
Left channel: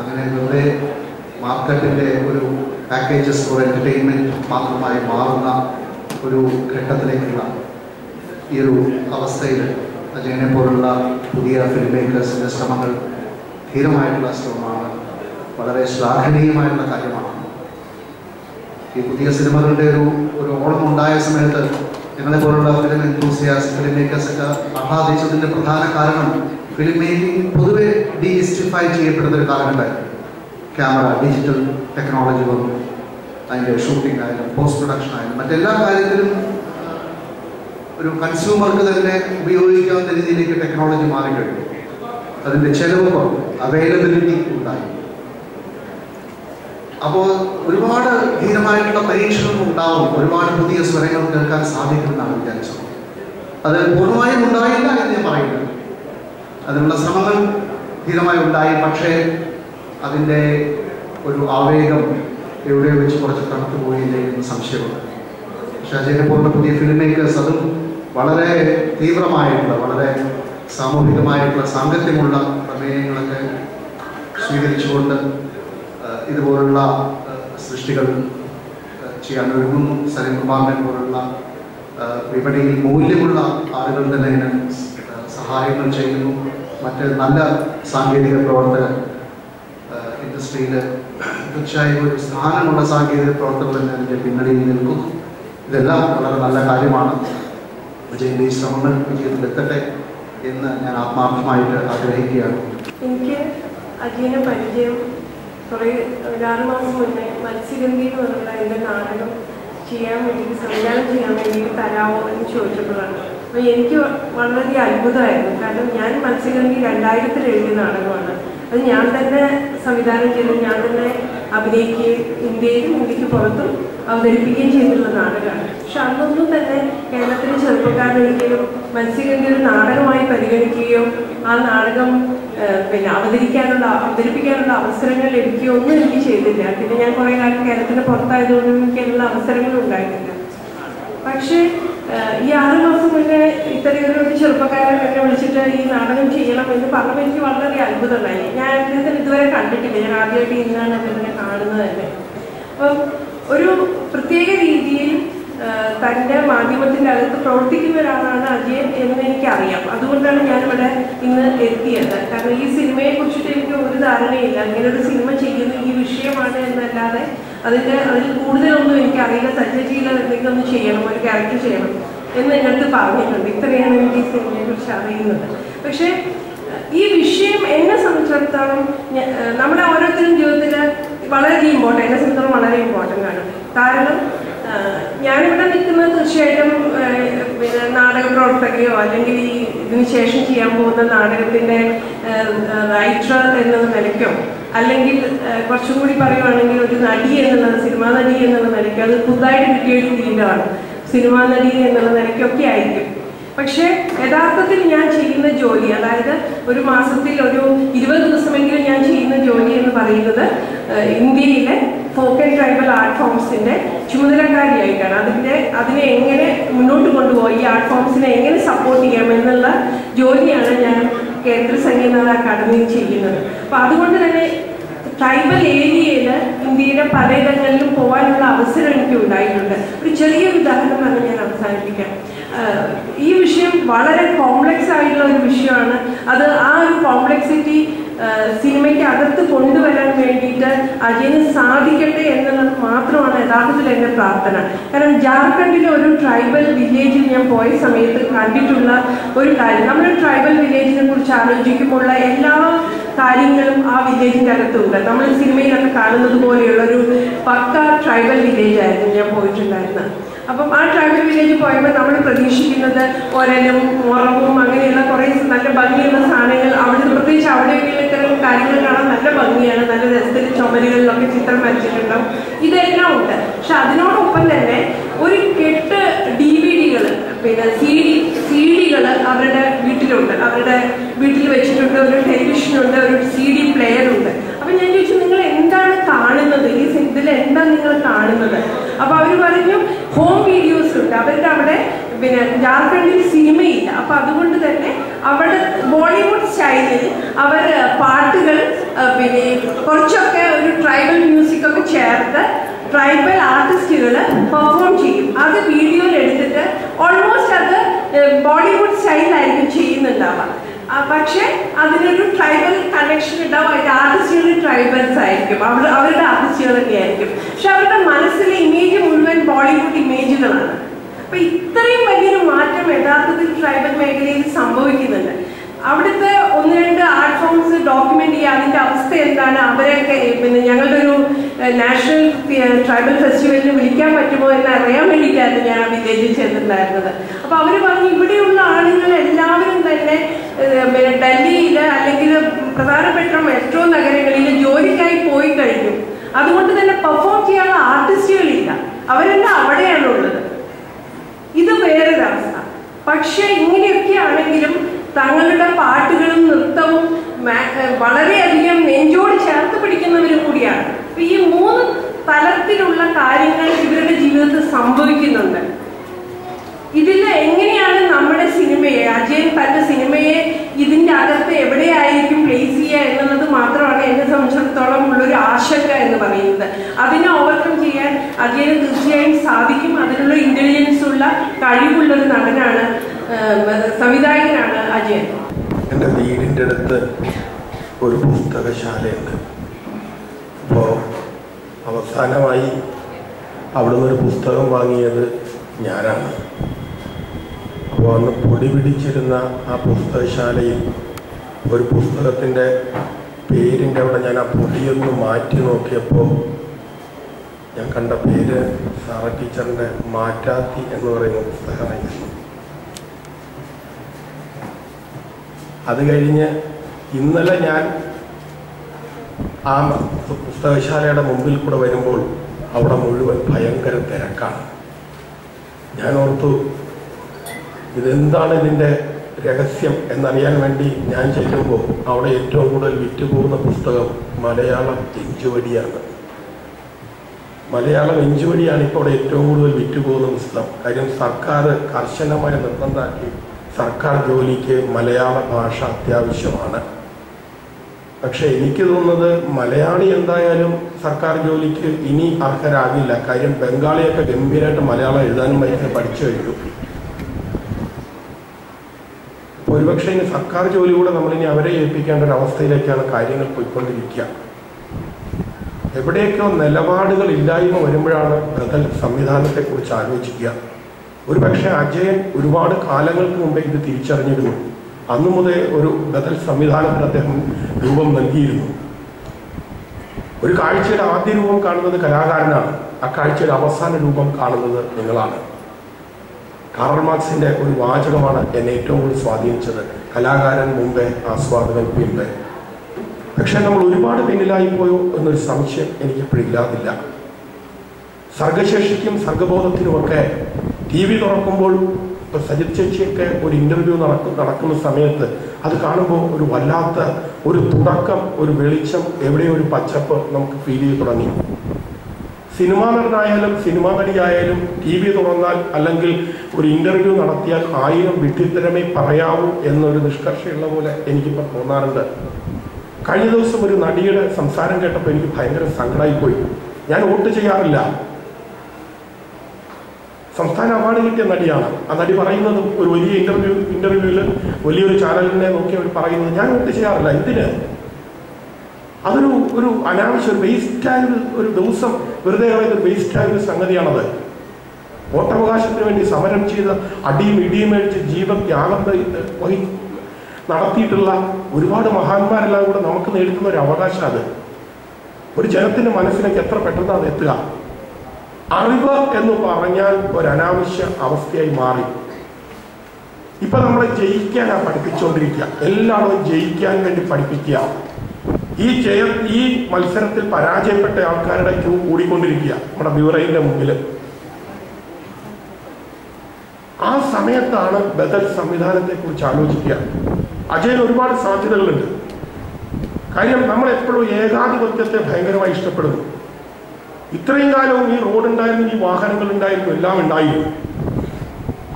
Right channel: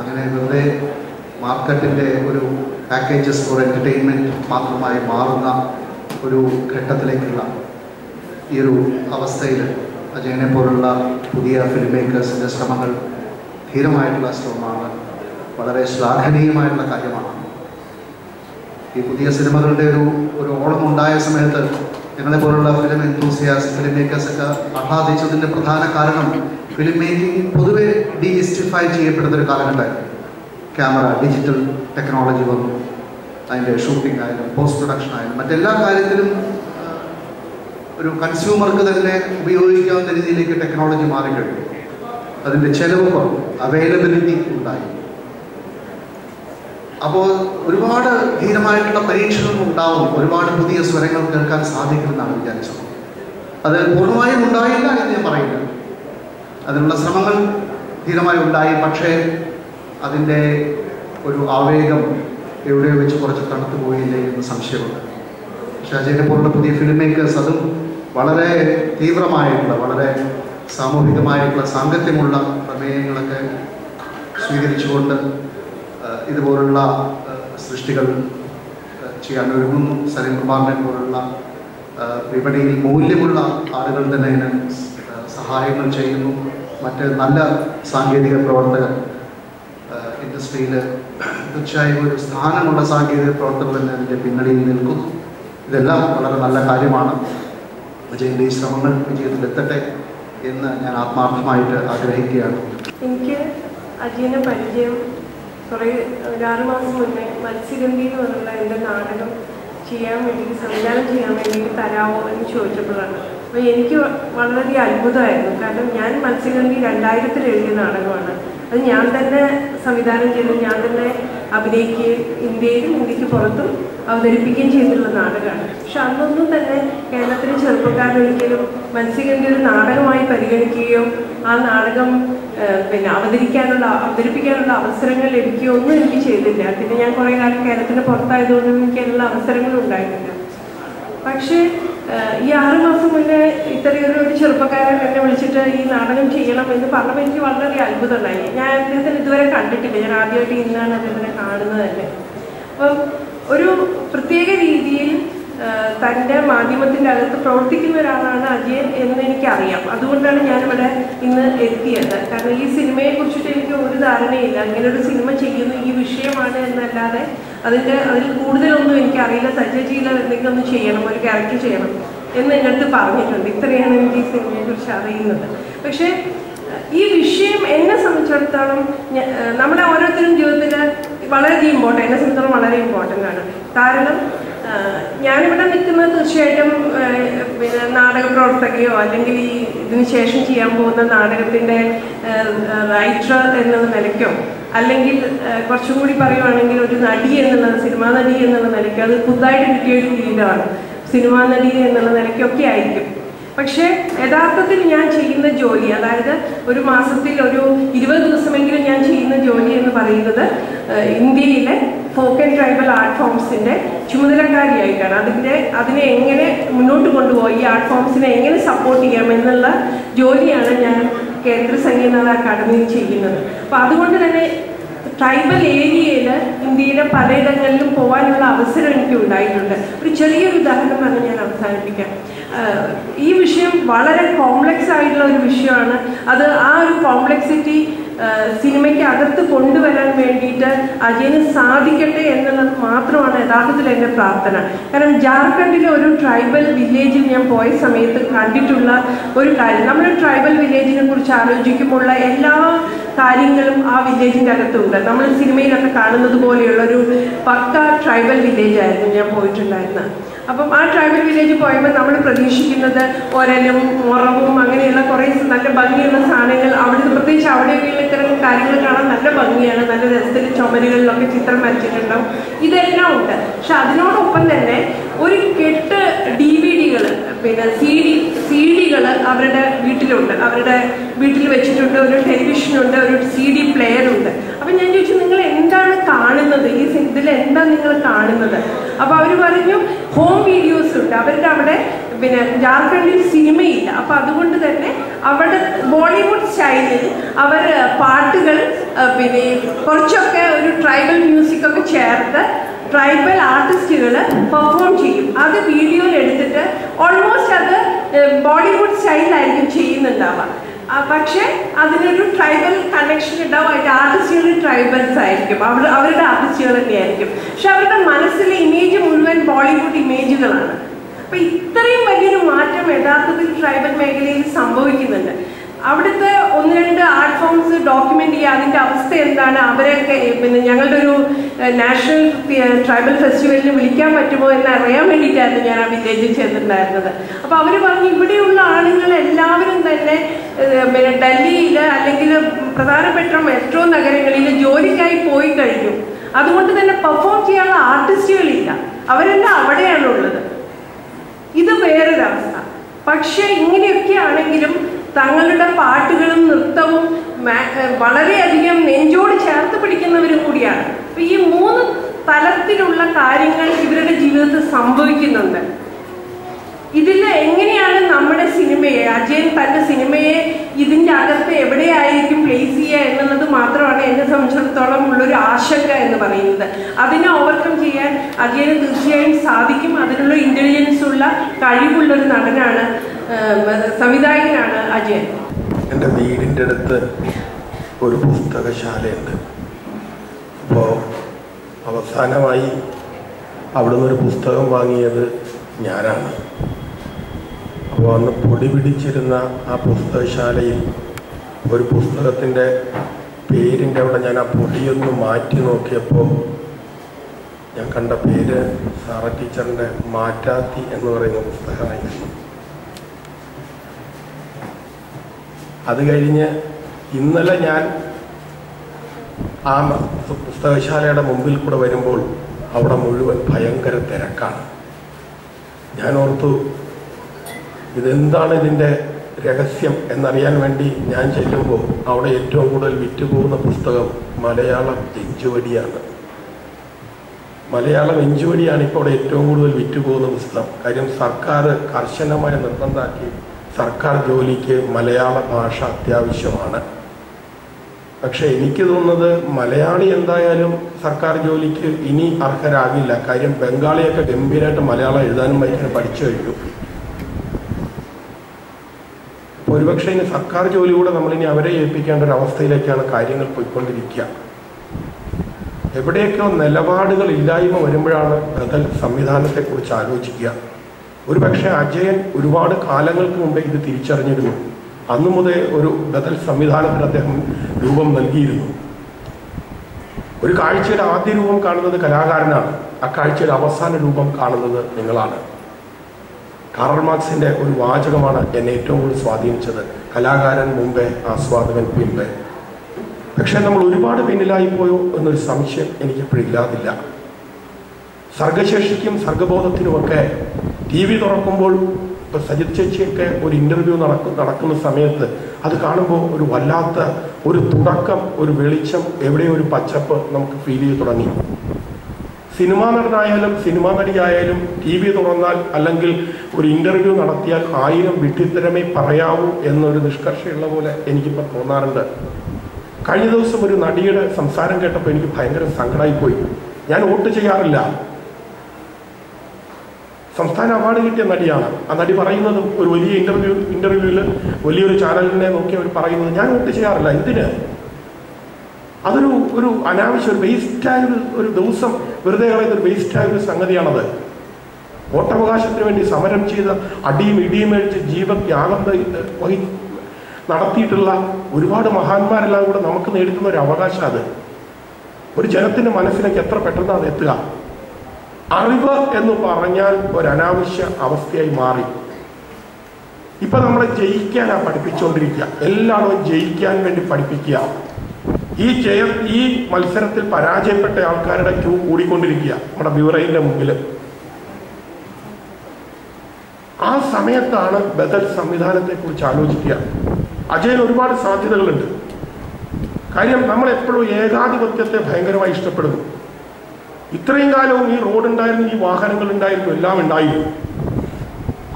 അങ്ങനെ വെറുതെ മാർക്കറ്റിൻ്റെ ഒരു പാക്കേജസ് ഫോർ എൻ്റർടൈൻമെൻറ്റ് മാത്രമായി മാറുന്ന ഒരു ഘട്ടത്തിലേക്കുള്ള ഈ ഒരു അവസ്ഥയിൽ അജയനെ പോലുള്ള പുതിയ ഫിലിം മേക്കേഴ്സിൻ്റെ ശ്രമങ്ങൾ ധീരമായിട്ടുള്ള ശ്രമമാണ്, വളരെ ശ്ലാഘനീയമായിട്ടുള്ള കാര്യമാണ്. ഈ പുതിയ സിനിമകളുടെ ഒരു ഓളം ഉണ്ടായ സമയത്ത് ഞങ്ങളെപ്പോലുള്ള ഫിലിം എൻതൂസിയാസ്റ്റ് ഫിലിം മേക്കേഴ്സൊക്കെ ആഹ്ലാദിച്ചതിൻ്റെ പ്രധാന കാരണം ഫിലിം മേക്കിംഗ് പൊതുവെ ഡീമിസ്റ്റിഫൈ ചെയ്യപ്പെടുന്ന ഒരു കാലഘട്ടമായിരുന്നു. ക്യാമറ, ഡിജിറ്റൽ ടെക്നോളജി വന്നു. അതിൻ്റെ ഷൂട്ടിംഗ് ആയാലും പോസ്റ്റ് പ്രൊഡക്ഷൻ ആയാലും മറ്റെല്ലാ കാര്യത്തിലും ഒരു കൺസ്യൂമർക്ക് തന്നെ ഉപയോഗിക്കാവുന്ന രീതിയിലേക്ക് ടെക്നോളജി മാറിക്കഴിഞ്ഞു. അതിൻ്റെ ചെലവ് കുറവ്, അവൈലബിലിറ്റി ഉണ്ടായി. അപ്പോൾ ഒരുപാട് ധീരമായിട്ടുള്ള പരീക്ഷണങ്ങൾ ഉണ്ടാവും, ഒരുപാട് പുതിയ സ്വരങ്ങൾ കേൾക്കാൻ സാധിക്കുമെന്നാണ് വിചാരിച്ചത്. അത് പൂർണ്ണമായും ഉണ്ടായില്ല എന്ന് ഞാൻ പറയുന്നു. അതിനുള്ള ശ്രമങ്ങൾ ധീരമായി ഉണ്ടായി. പക്ഷേ അതിൻ്റെ ഒരു ആവേഗം എവിടെയോ വെച്ച് കുറച്ച് തണുത്തു പോയില്ലേ എന്ന് സംശയമുണ്ട്. പക്ഷേ അജയനെ പോലുള്ള പുതിയ ഫിലിം മേക്കേഴ്സ് അതും വളരെ തീവ്രമായിട്ടുള്ള, വളരെ സാമൂഹികമായിട്ടുള്ള, സാങ്കത്യമുള്ള പ്രമേയങ്ങളൊക്കെ സ്വീകരിച്ചുകൊണ്ട് ഇതുപോലുള്ള സൃഷ്ടികൾ ചെയ്യാൻ ഒരുങ്ങുന്നു. സലീം കുമാറിനെ പോലുള്ള വിപണിയിൽ മൂല്യമുള്ള ആളുകൾ തന്നെ ഇതിന് സഹായങ്ങൾ ചെയ്യുന്നു. മറ്റ് നല്ല സാങ്കേതിക പ്രവർത്തകർ ഇൻഡസ്ട്രിയിൽ തീർച്ചയായും ഒരു സ്ഥാനമുള്ള സാങ്കേതിക പ്രവർത്തകർ തന്നെ അതിൻ്റെ പിന്നണിയിൽ നിൽക്കുന്നു. ഇതെല്ലാം വളരെ നല്ല കാര്യമാണ്. അജയൻ്റെ ഈ ശ്രമങ്ങൾ വിജയത്തിലെത്തട്ടെ എന്ന് ഞാൻ ആത്മാർത്ഥമായിട്ട് ആഗ്രഹിക്കുകയാണ്. എനിക്ക് അജയനെ പരിചയം ഒരു 6 മാസം മുന്നേ മത്സ്യഗന്ധി എന്ന് പറഞ്ഞുള്ള എൻ്റെ നാടകം ചെയ്യാൻ വേണ്ടി, സംവിധാനം ചെയ്യാൻ വേണ്ടി തരാമോ എന്ന് ചോദിച്ചപ്പോഴാണ്. അപ്പോൾ എനിക്ക് വളരെയധികം അത്ഭുതമായിരുന്നു. കാരണം ഞാൻ മത്സ്യഗന്ധി 2000 എഴുതിയ നാടകമാണ്. അത് ഞാൻ തന്നെ സംവിധാനം ചെയ്ത്, ഞാൻ തന്നെ അഭിനയിക്കുകയും ഇന്ത്യയിലും ഇന്ത്യക്ക് പുറത്തും അവതരിപ്പിക്കുകയും ചെയ്തിട്ടുള്ള നാടകമാണ്. പക്ഷെ അന്നൊന്നും തന്നെ കേരളത്തിലെ ചെറുപ്പക്കാരൊരിക്കലും മത്സ്യഗന്ധി ഒരു നാടകമായി പരിഗണിക്കുകയോ ആ നാടകം അവതരിപ്പിക്കാനുള്ള അവസരങ്ങൾ ലഭിക്കുകയോ ഒന്നും എനിക്ക് ചെയ്തില്ല. പിന്നെ ഞാൻ കുറേ കാലം കേരളത്തിന് പുറത്തായതുകൊണ്ട് എനിക്ക് അതിനുള്ള അവസരങ്ങളും ഉണ്ടായിട്ടില്ല. പക്ഷേ ഈ 6 മാസം മുന്നേ ഇത്രയൊരു ചെറുപ്പക്കാരൻ എന്നെ വിളിച്ചിട്ട് ഈ നാടകം ചെയ്യണം എന്ന് പറഞ്ഞപ്പോൾ എനിക്ക് വളരെ അത്ഭുതമുണ്ടായി. ഞാൻ അദ്ദേഹത്തിന് ഇതുവരെ കണ്ടിട്ടില്ല. ഞാൻ ആദ്യമായിട്ട് ഇന്നാണ് അദ്ദേഹത്തിനെ കാണുന്നത് തന്നെ. അപ്പം ഒരു പ്രത്യേക രീതിയിൽ തൻ്റെ മാധ്യമത്തിൻ്റെ അകത്ത് പ്രവർത്തിക്കുന്ന ഒരാളാണ് അജയൻ എന്ന് എനിക്കറിയാം. അതുകൊണ്ടാണ് ഞാനിവിടെ ഇന്ന് എത്തിയത്. കാരണം ഈ സിനിമയെ കുറിച്ചിട്ട് എനിക്ക് ഒരു ധാരണയില്ല. ഇങ്ങനെ ഒരു സിനിമ ചെയ്യുന്ന ഈ വിഷയമാണ് എന്നല്ലാതെ അതിൽ കൂടുതലൊന്നും എനിക്കറിയില്ല. സജ്ജജിയിൽ എന്തെങ്കിലും ഒന്ന് ചെയ്യണം, ഒരു ക്യാരക്ടർ ചെയ്യണം എന്ന് എൻ്റെ അടുത്ത് പറഞ്ഞിട്ടുണ്ട്. ഇത്രയാണ് എനിക്ക് ഈ സിനിമയെ കുറിച്ച് അറിയുന്നത്. പക്ഷേ ഈ വിഷയം എന്നെ സംബന്ധിച്ചിടത്തോളം നമ്മുടെ ഓരോരുത്തരും ജീവിതത്തിൽ വളരെയധികം ഇമ്പോർട്ടൻ്റ്, എന്നെ സംബന്ധിച്ചിടത്തോളം വളരെ ഇമ്പോർട്ടൻ്റ് ആണ്. കാരണം ഞാനിവിടെ നിൽക്കുന്നത് തീർച്ചയായിട്ടും പിന്നെ നാടക പ്രവർത്തകയോ അല്ലെങ്കിൽ ഈ ഇതിന് ശേഷം ചെയ്യാൻ പോകുന്ന നാടകത്തിൻ്റെ റൈറ്റർ എന്നുള്ള നിലയ്ക്കോ അല്ലെങ്കിൽ കുറച്ചും കൂടി പറയുവാണെങ്കിൽ ഒരു നടി എന്നുള്ളത്, സിനിമാ നടി എന്നുള്ള നിലയ്ക്ക്, അത് പുതുതായിട്ട് കിട്ടിയൊരു ഫീൽഡാണ് സിനിമാ നടി എന്നുള്ള നിലയ്ക്കൊക്കെ ആയിരിക്കും. പക്ഷേ യഥാർത്ഥത്തിൽ ഞാൻ ചെയ്യുന്ന ജോലി, അതായത് ഒരു മാസത്തിൽ ഒരു 20 ദിവസമെങ്കിലും ഞാൻ ചെയ്യുന്ന ജോലി എന്ന് പറയുന്നത് ഇന്ത്യയിലെ ഫോക്ക് ആൻഡ് ട്രൈബൽ ആർട്ട് ഫോംസിൻ്റെ ചുമതലക്കാരിയായിട്ടാണ്. അതിനെ എങ്ങനെ മുന്നോട്ട് കൊണ്ടുപോയി ഈ ആർട്ട് ഫോംസിനെ എങ്ങനെ സപ്പോർട്ട് ചെയ്യാം എന്നുള്ള ജോലിയാണ് ഞാൻ കേന്ദ്ര സംഗീത അക്കാദമിയിൽ ചെയ്യുന്നത്. അപ്പോൾ അതുകൊണ്ട് തന്നെ ട്രൈബൽ ഏരിയയിൽ ഇന്ത്യയുടെ പലയിടങ്ങളിലും പോകാനുള്ള അവസരം എനിക്ക് ഉണ്ടായിട്ടുണ്ട്. ഒരു ചെറിയൊരു ഉദാഹരണം പറഞ്ഞ് ഞാൻ അവസാനിപ്പിക്കാം. ഈ വിഷയം വളരെ കോംപ്ലക്സ് ആയിട്ടുള്ള ഒരു വിഷയമാണ്. അത് ആ ഒരു കോംപ്ലക്സിറ്റി സിനിമയ്ക്ക് അകത്ത് കൊണ്ടുവരാൻ വേണ്ടിയിട്ട് അജയന് സാധിക്കട്ടെ എന്നുള്ളത് മാത്രമാണ് യഥാർത്ഥത്തിൽ എൻ്റെ പ്രാർത്ഥന. കാരണം ജാർഖണ്ഡിലെ ഒരു ട്രൈബൽ വില്ലേജിൽ ഞാൻ പോയ സമയത്ത് കണ്ടിട്ടുള്ള ഒരു കാര്യം, നമ്മുടെ ട്രൈബൽ വില്ലേജിനെ കുറിച്ച് ആലോചിക്കുമ്പോൾ എല്ലാ കാര്യങ്ങളും ആ വില്ലേജിൻ്റെ അകത്തുണ്ട്. നമ്മൾ സിനിമയിലൊക്കെ കാണുന്നത് പോലെയുള്ള ഒരു പക്ക ട്രൈബൽ വില്ലേജ് ആയിരുന്നു ഞാൻ പോയിട്ടുണ്ടായിരുന്നത്. അപ്പം ആ ട്രൈബൽ വില്ലേജ് പോയപ്പോൾ നമ്മൾ പ്രതീക്ഷിക്കുന്നത് ഒരലും മുറവും അങ്ങനെയുള്ള കുറേ നല്ല ഭംഗിയുള്ള സാധനങ്ങൾ, അവിടെ പ്രത്യേകിച്ച് അവിടെയുള്ള ഇത്തരം കാര്യങ്ങൾ കാണാൻ നല്ല ഭംഗിയാണ്, നല്ല രസത്തിൽ ചുമരുകളിലൊക്കെ ചിത്രം വരച്ചിട്ടുണ്ടാവും, ഇതെല്ലാം ഉണ്ട്. പക്ഷെ അതിനോടൊപ്പം തന്നെ ഒരു കെട്ട് DVD-കൾ, പിന്നെ CD-കൾ അവരുടെ വീട്ടിലുണ്ട്, അവരുടെ വീട്ടിൽ വെച്ചിട്ടുണ്ട്. ഒരു ടെലിവിഷനുണ്ട്, ഒരു CD പ്ലെയറുണ്ട്. അപ്പം ഞാൻ ചോദിച്ചു, നിങ്ങൾ എന്താണ് കാണുന്നത്, ഈ ഇതിൽ എന്താണ് നിങ്ങൾ കാണുന്നത്? അപ്പോൾ അവർ പറഞ്ഞു ഹോം വീഡിയോസ് ഉണ്ട്. അവരുടെ അവിടെ പിന്നെ ജാർഖണ്ഡിൽ സിനിമയില്ല. അപ്പം അതുകൊണ്ട് തന്നെ അവിടെ ബോളിവുഡ് സ്റ്റൈലിൽ അവർ പാട്ടുകൾ പിന്നെ കുറച്ചൊക്കെ ഒരു ട്രൈബൽ മ്യൂസിക്കൊക്കെ ചേർത്ത് ട്രൈബൽ ആർട്ടിസ്റ്റുകൾ പെർഫോം ചെയ്യും. അത് വീഡിയോയിൽ എടുത്തിട്ട് ഓൾമോസ്റ്റ് അത് ബോളിവുഡ് സ്റ്റൈലായിരിക്കും ചെയ്യുന്നുണ്ടാവുക. പക്ഷെ അതിനൊരു ട്രൈബൽ കണക്ഷൻ ഉണ്ടാവും. അതിൻ്റെ ആർട്ടിസ്റ്റുകൾ ട്രൈബൽസ് ആയിരിക്കും, അവരുടെ ആർട്ടിസ്റ്റുകൾ തന്നെയായിരിക്കും. പക്ഷെ അവരുടെ മനസ്സിലെ ഇമേജ് മുഴുവൻ ബോളിവുഡ് ഇമേജുകളാണ്. അപ്പൊ ഇത്രയും വലിയൊരു മാറ്റം യഥാർത്ഥത്തിൽ ട്രൈബൽ മേഖലയിൽ സംഭവിക്കുന്നുണ്ട്. അവിടുത്തെ 1-2 ആർട്ട് ഫോംസ് ഡോക്യുമെന്റ് ചെയ്യുക, അതിൻ്റെ അവസ്ഥ എന്താണ്, അവരെയൊക്കെ പിന്നെ ഞങ്ങളുടെ ഒരു നാഷണൽ ട്രൈബൽ ഫെസ്റ്റിവലിന് വിളിക്കാൻ പറ്റുമോ എന്ന് അറിയാൻ വേണ്ടിയിട്ടായിരുന്നു ഞാൻ ആ വില്ലേജിൽ ചെന്നിട്ടുണ്ടായിരുന്നത്. അപ്പോൾ അവർ പറഞ്ഞു, ഇവിടെയുള്ള ആളുകൾ എല്ലാവരും തന്നെ പിന്നെ ഡൽഹിയിൽ അല്ലെങ്കിൽ പ്രധാനപ്പെട്ട മെട്രോ നഗരങ്ങളിൽ ജോലിക്കായി പോയി കഴിഞ്ഞു. അതുകൊണ്ട് തന്നെ പെർഫോം ചെയ്യാനുള്ള ആർട്ടിസ്റ്റുകളില്ല, അവരെല്ലാം അവിടെയാണുള്ളത്. ഇത് വേറൊരവസ്ഥ. പക്ഷെ ഇങ്ങനെയൊക്കെ ആണെങ്കിലും തങ്ങളുടെ പാട്ടുകളും നൃത്തവും വളരെയധികം നെഞ്ചോട് ചേർത്ത് പിടിക്കുന്നവരും കൂടിയാണ്. അപ്പൊ ഈ 3 തലത്തിലുള്ള കാര്യങ്ങൾ ഇവരുടെ ജീവിതത്തിൽ സംഭവിക്കുന്നുണ്ട്. ഇതിൽ എങ്ങനെയാണ് നമ്മുടെ സിനിമയെ, അജയൻ തന്റെ സിനിമയെ ഇതിൻ്റെ അകത്ത് എവിടെയായിരിക്കും പ്ലേസ് ചെയ്യുക എന്നുള്ളത് മാത്രമാണ് എന്നെ സംബന്ധിച്ചിടത്തോളം ഉള്ളൊരു ആശങ്ക എന്ന് പറയുന്നത്. അതിനെ ഓവർകം ചെയ്യാൻ അജയന് തീർച്ചയായും സാധിക്കും. അതിനുള്ള ഇന്റലിജൻസ് ഉള്ള കഴിവുള്ളൊരു നടനാണ്, സംവിധായകനാണ് അജയൻ. എൻ്റെ വീടിൻ്റെ അടുത്ത് ഒരു പുസ്തകശാലയുണ്ട്. അപ്പോൾ അവസാനമായി അവിടെ നിന്നൊരു പുസ്തകം വാങ്ങിയത് ഞാനാണ്. അപ്പോൾ അന്ന് പൊടി പിടിച്ചിരുന്ന ആ പുസ്തകശാലയിൽ ഒരു പുസ്തകത്തിൻ്റെ പേരിൻ്റെ അവിടെ ഞാൻ ആ പൊടിയൊന്ന് മാറ്റി നോക്കിയപ്പോൾ ഞാൻ കണ്ട പേര് സാറ ടീച്ചറിൻ്റെ മാറ്റാത്തി എന്ന് പറയുന്ന പുസ്തകമായിരുന്നു. അത് കഴിഞ്ഞ് ഇന്നലെ ഞാൻ ആ പുസ്തകശാലയുടെ മുമ്പിൽ കൂടെ വരുമ്പോൾ അവിടെ മുഴുവൻ ഭയങ്കര തിരക്കാണ്. ഞാൻ ഓർത്തു, ഇതെന്താണ് ഇതിൻ്റെ രഹസ്യം എന്നറിയാൻ വേണ്ടി ഞാൻ ചെല്ലുമ്പോൾ അവിടെ ഏറ്റവും കൂടുതൽ വിറ്റുപോകുന്ന പുസ്തകം മലയാളം എഞ്ചുവടിയാണ്. മലയാളം എഞ്ചുവടിയാണ് ഇപ്പോൾ അവിടെ ഏറ്റവും കൂടുതൽ വിറ്റുപോകുന്ന പുസ്തകം. കാര്യം സർക്കാർ കർശനമായ നിർബന്ധമാക്കി, സർക്കാർ ജോലിക്ക് മലയാള ഭാഷ അത്യാവശ്യമാണ്. പക്ഷെ എനിക്ക് തോന്നുന്നത് മലയാളി എന്തായാലും സർക്കാർ ജോലിക്ക് ഇനി അർഹരാകില്ല. കാര്യം ബംഗാളിയൊക്കെ ഗംഭീരമായിട്ട് മലയാളം എഴുതാനും വായിക്കാനും പഠിച്ചു കഴിഞ്ഞു. ഒരുപക്ഷെ ഇനി സർക്കാർ ജോലി കൂടെ നമ്മളിനി അവരെ ഏൽപ്പിക്കേണ്ട ഒരു അവസ്ഥയിലേക്കാണ് കാര്യങ്ങൾ പോയിക്കൊണ്ടിരിക്കുക. എവിടെയൊക്കെയോ നിലപാടുകൾ ഇല്ലായ്മ വരുമ്പോഴാണ് ബദൽ സംവിധാനത്തെക്കുറിച്ച് ആലോചിക്കുക. ഒരുപക്ഷെ അജയൻ ഒരുപാട് കാലങ്ങൾക്ക് മുമ്പേ ഇത് തിരിച്ചറിഞ്ഞിരുന്നു. അന്നു മുതൽ ഒരു ബദൽ സംവിധാനത്തിന് അദ്ദേഹം രൂപം നൽകിയിരുന്നു. ഒരു കാഴ്ചയുടെ ആദ്യ രൂപം കാണുന്നത് കലാകാരനാണ്, ആ കാഴ്ചയുടെ അവസാന രൂപം കാണുന്നത് നിങ്ങളാണ്. കാറൽ മാർക്സിന്റെ ഒരു വാചകമാണ് എന്നെ ഏറ്റവും കൂടുതൽ സ്വാധീനിച്ചത്, കലാകാരൻ മുമ്പേ ആസ്വാദകൻ പിമ്പേ. പക്ഷെ നമ്മൾ ഒരുപാട് പിന്നിലായിപ്പോയോ എന്നൊരു സംശയം എനിക്കിപ്പോഴില്ലാതില്ല. സർഗശേഷിക്കും സർഗബോധത്തിനുമൊക്കെ TV തുറക്കുമ്പോൾ ഇപ്പൊ സജിത് ചേച്ചിയൊക്കെ ഒരു ഇന്റർവ്യൂ നടക്കുന്ന സമയത്ത് അത് കാണുമ്പോൾ ഒരു വല്ലാത്ത ഒരു തുടക്കം, ഒരു വെളിച്ചം, എവിടെ ഒരു പച്ചപ്പ് നമുക്ക് ഫീൽ ചെയ്ത് തുടങ്ങി. സിനിമാ നടനായാലും സിനിമാ നടിയായാലും TV തുറന്നാൽ അല്ലെങ്കിൽ ഒരു ഇന്റർവ്യൂ നടത്തിയാൽ 1000 വിഡ്ഢിത്തരമേ പറയാവൂ എന്നൊരു നിഷ്കർഷയുള്ള പോലെ എനിക്കിപ്പോൾ തോന്നാറുണ്ട്. കഴിഞ്ഞ ദിവസം ഒരു നടിയുടെ സംസാരം കേട്ടപ്പോൾ എനിക്ക് ഭയങ്കര സങ്കടമായിപ്പോയി. ഞാൻ വോട്ട് ചെയ്യാറില്ല. സംസ്ഥാന അവാർഡ് കിട്ടിയ നടിയാണ്. ആ നടി പറയുന്നത് ഒരു വലിയ ഇന്റർവ്യൂവിൽ വലിയൊരു ചാനലിനെ നോക്കി അവർ പറയുന്നത് ഞാൻ വോട്ട് ചെയ്യാറില്ല. എന്തിന്? അതൊരു അനാവശ്യ വേസ്റ്റായ ഒരു ദിവസം വെറുതെ കളയുന്ന ഒരു വേസ്റ്റായ ഒരു സംഗതിയാണത്. വോട്ടവകാശത്തിന് വേണ്ടി സമരം ചെയ്ത അടിയും ഇടിയും മേടിച്ച് ജീവത്യാഗം നടത്തിയിട്ടുള്ള ഒരുപാട് മഹാന്മാരെല്ലാം കൂടെ നമുക്ക് നേടുന്ന ഒരു അവകാശം. അത് ഒരു ജനത്തിന്റെ മനസ്സിലേക്ക് എത്ര പെട്ടെന്ന് അത് എത്തുക. അറിവ് എന്ന് പറഞ്ഞാൽ ഒരു അനാവശ്യ അവസ്ഥയായി മാറി. ഇപ്പൊ നമ്മളെ ജയിക്കാനാണ് പഠിപ്പിച്ചുകൊണ്ടിരിക്കുക. എല്ലാവരും ജയിക്കാൻ വേണ്ടി പഠിപ്പിക്കുക. ഈ മത്സരത്തിൽ പരാജയപ്പെട്ട ആൾക്കാരുടെ ക്യൂ കൂടിക്കൊണ്ടിരിക്കുക നമ്മുടെ ബ്യൂറോയിന്റെ മുമ്പിൽ. ആ സമയത്താണ് ബദൽ സംവിധാനത്തെ കുറിച്ച് ആലോചിക്കുക. അജയൻ ഒരുപാട് സാധ്യതകളുണ്ട്. കാര്യം നമ്മൾ എപ്പോഴും ഏകാധിപത്യത്തെ ഭയങ്കരമായി ഇഷ്ടപ്പെടുന്നു. ഇത്രയും കാലവും ഈ റോഡ് ഉണ്ടായിരുന്നു, ഈ വാഹനങ്ങൾ ഉണ്ടായിരുന്നു, എല്ലാം ഉണ്ടായിരുന്നു.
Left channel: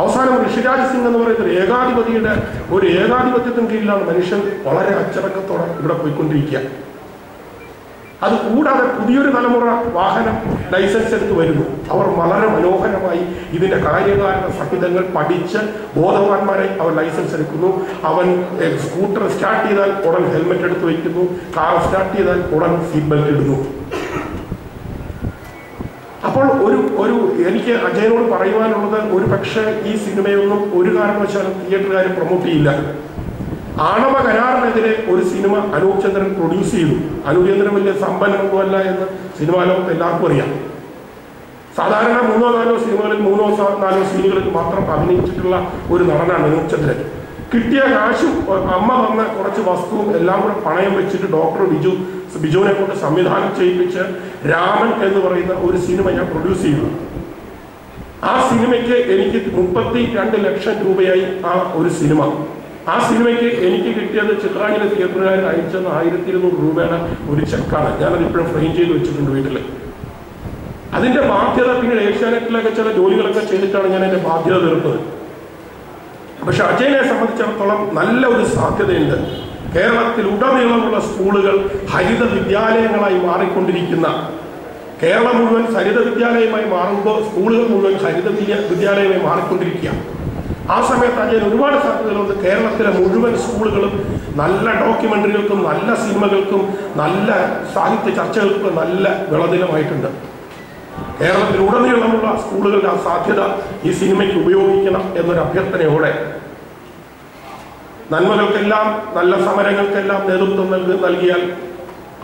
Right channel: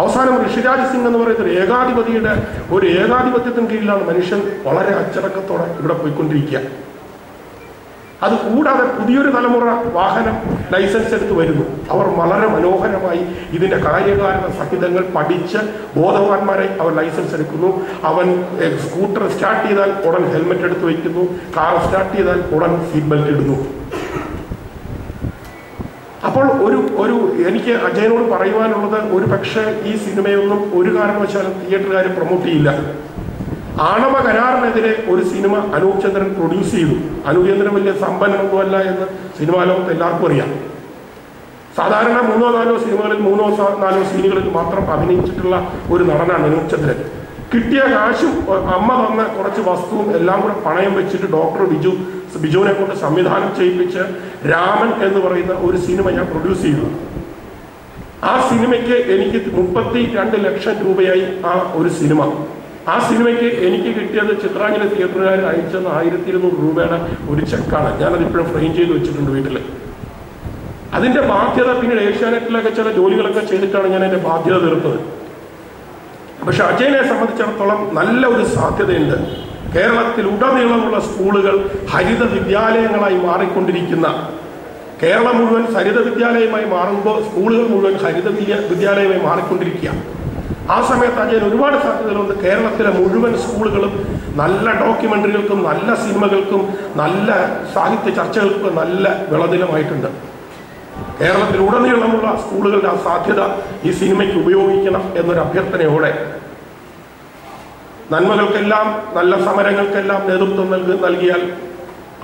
അവസാനം ഋഷിരാജ് സിംഗ് എന്ന് പറയുന്ന ഒരു ഏകാധിപത്യത്തിന് കീഴിലാണ് മനുഷ്യൻ വളരെ അച്ചടക്കത്തോടെ ഇവിടെ പോയിക്കൊണ്ടിരിക്കുക. അത് കൂടാതെ പുതിയൊരു തലമുറ വാഹനം ലൈസൻസ് എടുത്ത് വരുന്നു. അവർ വളരെ മനോഹരമായി ഇതിന്റെ കാര്യകാരണ സഹിതങ്ങൾ പഠിച്ച് ബോധവാന്മാരെ അവർ ലൈസൻസ് എടുക്കുന്നു. അവൻ സ്കൂട്ടർ സ്റ്റാർട്ട് ചെയ്താൽ ഉടൻ ഹെൽമെറ്റ് എടുത്ത് വയ്ക്കുന്നു, കാർ സ്റ്റാർട്ട് ചെയ്താൽ ഉടൻ സീറ്റ് ബെൽറ്റ് ഇടുന്നു. അപ്പോൾ എനിക്ക് അജയനോട് പറയുവാനുള്ളത്, ഒരു പക്ഷേ ഈ സിനിമയൊന്നും ഒരു കാരണവശാലും തിയേറ്ററുകാർ പ്രൊമോട്ട് ചെയ്യില്ല. ആണവ കരാറിനെതിരെ ഒരു സിനിമ അനൂപ് ചന്ദ്രൻ പ്രൊഡ്യൂസ് ചെയ്തു. അനൂപ് ചന്ദ്രൻ വലിയ സമ്പന്നമൊന്നുമല്ല എന്ന് സിനിമാ ലോകത്ത് എല്ലാവർക്കും അറിയാം. സാധാരണ 3-4 സിനിമകളിൽ 3-4 സീനുകളിൽ മാത്രം അഭിനയിച്ചിട്ടുള്ള ഒരു നടനാണ് അനൂപ് ചന്ദ്രൻ. കിട്ടിയ കാശും അമ്മ തന്ന കുറച്ച് വസ്തുവും എല്ലാം കൂടെ പണയം വെച്ചിട്ട് ഡോക്ടർ ബിജുവിനെ കൊണ്ട് സംവിധാനം ചെയ്യിപ്പിച്ച് രാമൻ എന്ന് പറയുന്ന ഒരു സിനിമ ഞാൻ പ്രൊഡ്യൂസ് ചെയ്തു. ആ സിനിമയ്ക്ക് എനിക്ക് 32 ലക്ഷം രൂപയായി ആ ഒരു സിനിമ. ആ സിനിമയ്ക്ക് എനിക്ക് കിട്ടിയത് ചിത്രാഞ്ജലി തിയേറ്ററുകാർ അയച്ചത് 1200 രൂപയുടെ ഒരു ചെക്കാണ്. ഞാനതിപ്പോഴും ഫ്രെയിം ചെയ്ത് വെച്ചിട്ടുണ്ട് വീട്ടിൽ. അതിന്റെ ബാധ്യത പിന്നീട് ഏഷ്യാനെറ്റിലൊക്കെ ചില ജോലികളൊക്കെ ചെയ്തിട്ടാണ് ഞാൻ അതിന്റെ ബാധ്യത തീർത്തത്. പക്ഷെ അജയനെ സംബന്ധിച്ചിടത്തോളം നല്ല ഒരു സാധ്യതയുണ്ട്. കേരളത്തിൽ ഉടനീളമുള്ള സ്കൂളുകൾ ഹരിത വിദ്യാലയങ്ങളായി മാറിക്കൊണ്ടിരിക്കുന്ന, കേരളം മുഴുവൻ ഹരിത വിദ്യാലയമായി മാറുമ്പോൾ സ്കൂളുകൾ മുഴുവൻ ഹരിത വിദ്യാലയമായി മാറിക്കൊണ്ടിരിക്കുക. ആ സമയത്ത് അജയൻ ഒരുപാട് സാധ്യതകളുണ്ട്. കേരളത്തിലെ മുഴുവൻ സ്കൂളുകളും നല്ല ഡോക്യുമെന്ററികൾക്കും നല്ല സിനിമകൾക്കും നല്ല സാഹിത്യ ചർച്ചകൾക്കും നല്ല വിളനിലമായിട്ടുണ്ട്. കേരളത്തിൽ ഉടനീളമുള്ള സ്കൂളുകളുടെ ആ സാധ്യത ഈ സിനിമയ്ക്ക് ഉപയോഗിക്കണം എന്നൊരു അഭ്യർത്ഥനയോടെ, നന്മകൾക്കെല്ലാം നല്ല സമരങ്ങൾക്കെല്ലാം നേതൃത്വം നൽകിയാൽ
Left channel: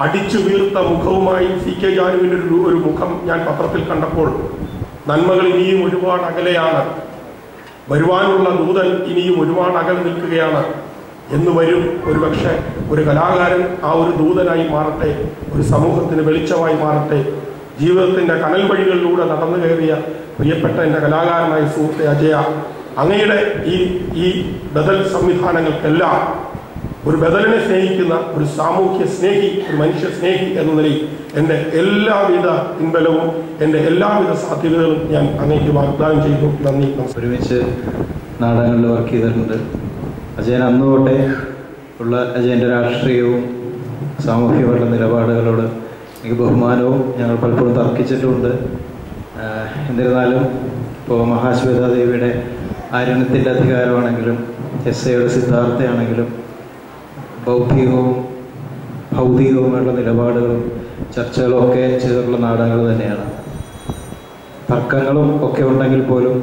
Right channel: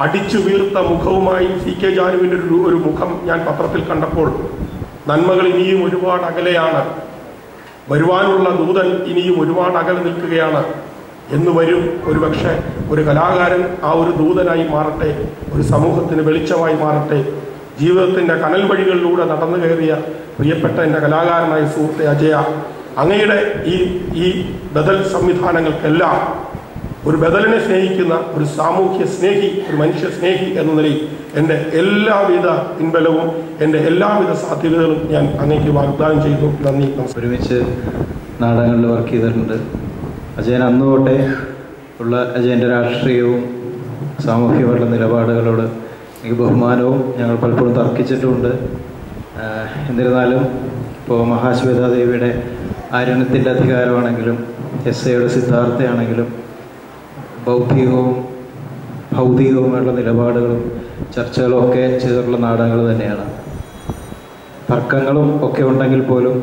അടിച്ചു വീർത്ത മുഖവുമായി CK ജാനുവിന്റെ ഒരു മുഖം ഞാൻ പത്രത്തിൽ കണ്ടപ്പോൾ, നന്മകൾ ഇനിയും ഒരുപാട് അകലെയാണ്, വരുവാനുള്ള ദൂതൻ ഇനിയും ഒരുപാട് അകലെ നിൽക്കുകയാണ് എന്ന് വരും. ഒരുപക്ഷെ ഒരു കലാകാരൻ ആ ഒരു ദൂതനായി മാറട്ടെ, ഒരു സമൂഹത്തിന് വെളിച്ചമായി മാറട്ടെ. ജീവിതത്തിന്റെ കനൽ വഴികളിലൂടെ നടന്നു കയറിയ പ്രിയപ്പെട്ട എൻ്റെ കലാകാരനായ സുഹൃത്തെ അജയ, അങ്ങയുടെ ഈ ബദൽ സംവിധാനങ്ങൾക്കെല്ലാം ഒരു ബദലിനെ സ്നേഹിക്കുന്ന ഒരു സാമൂഹ്യ സ്നേഹി, ഒരു മനുഷ്യ സ്നേഹി എന്ന നിലയിൽ എൻ്റെ എല്ലാവിധ പിൻബലവും എൻ്റെ എല്ലാവിധ സാധ്യതകളും ഞാൻ അങ്ങേക്ക് വാഗ്ദാനം ചെയ്തു. നന്ദി. ഒരുമിച്ച് നാടകങ്ങളിൽ വർക്ക് ചെയ്തിട്ടുണ്ട്. അജയൻ അന്ന് തൊട്ടേ ഉള്ള അജയൻ്റെ രാഷ്ട്രീയവും സാമൂഹ്യപരമായ നിലപാടുകളോട് എനിക്ക് ബഹുമാനവും ഞങ്ങൾ പലപ്പോഴും തർക്കിച്ചിട്ടുമുണ്ട്. എന്നിരുന്നാലും ഇപ്പോൾ മഹാശ്വേതാദേവിയുടെ ആര്യനത്തിൻ്റെ അധികാരമാണെങ്കിലും എസ്സയുടെ സിദ്ധാർത്ഥയാണെങ്കിലും ബൗദ്ധികവും ഭൗതികവുമായുള്ള നിലപാടുകളും ചർച്ചകളും ഒക്കെ ചെയ്തിട്ടുള്ള നാടകങ്ങൾ തന്നെയാണ്. തർക്കങ്ങളും ഒക്കെ ഉണ്ടെങ്കിൽ പോലും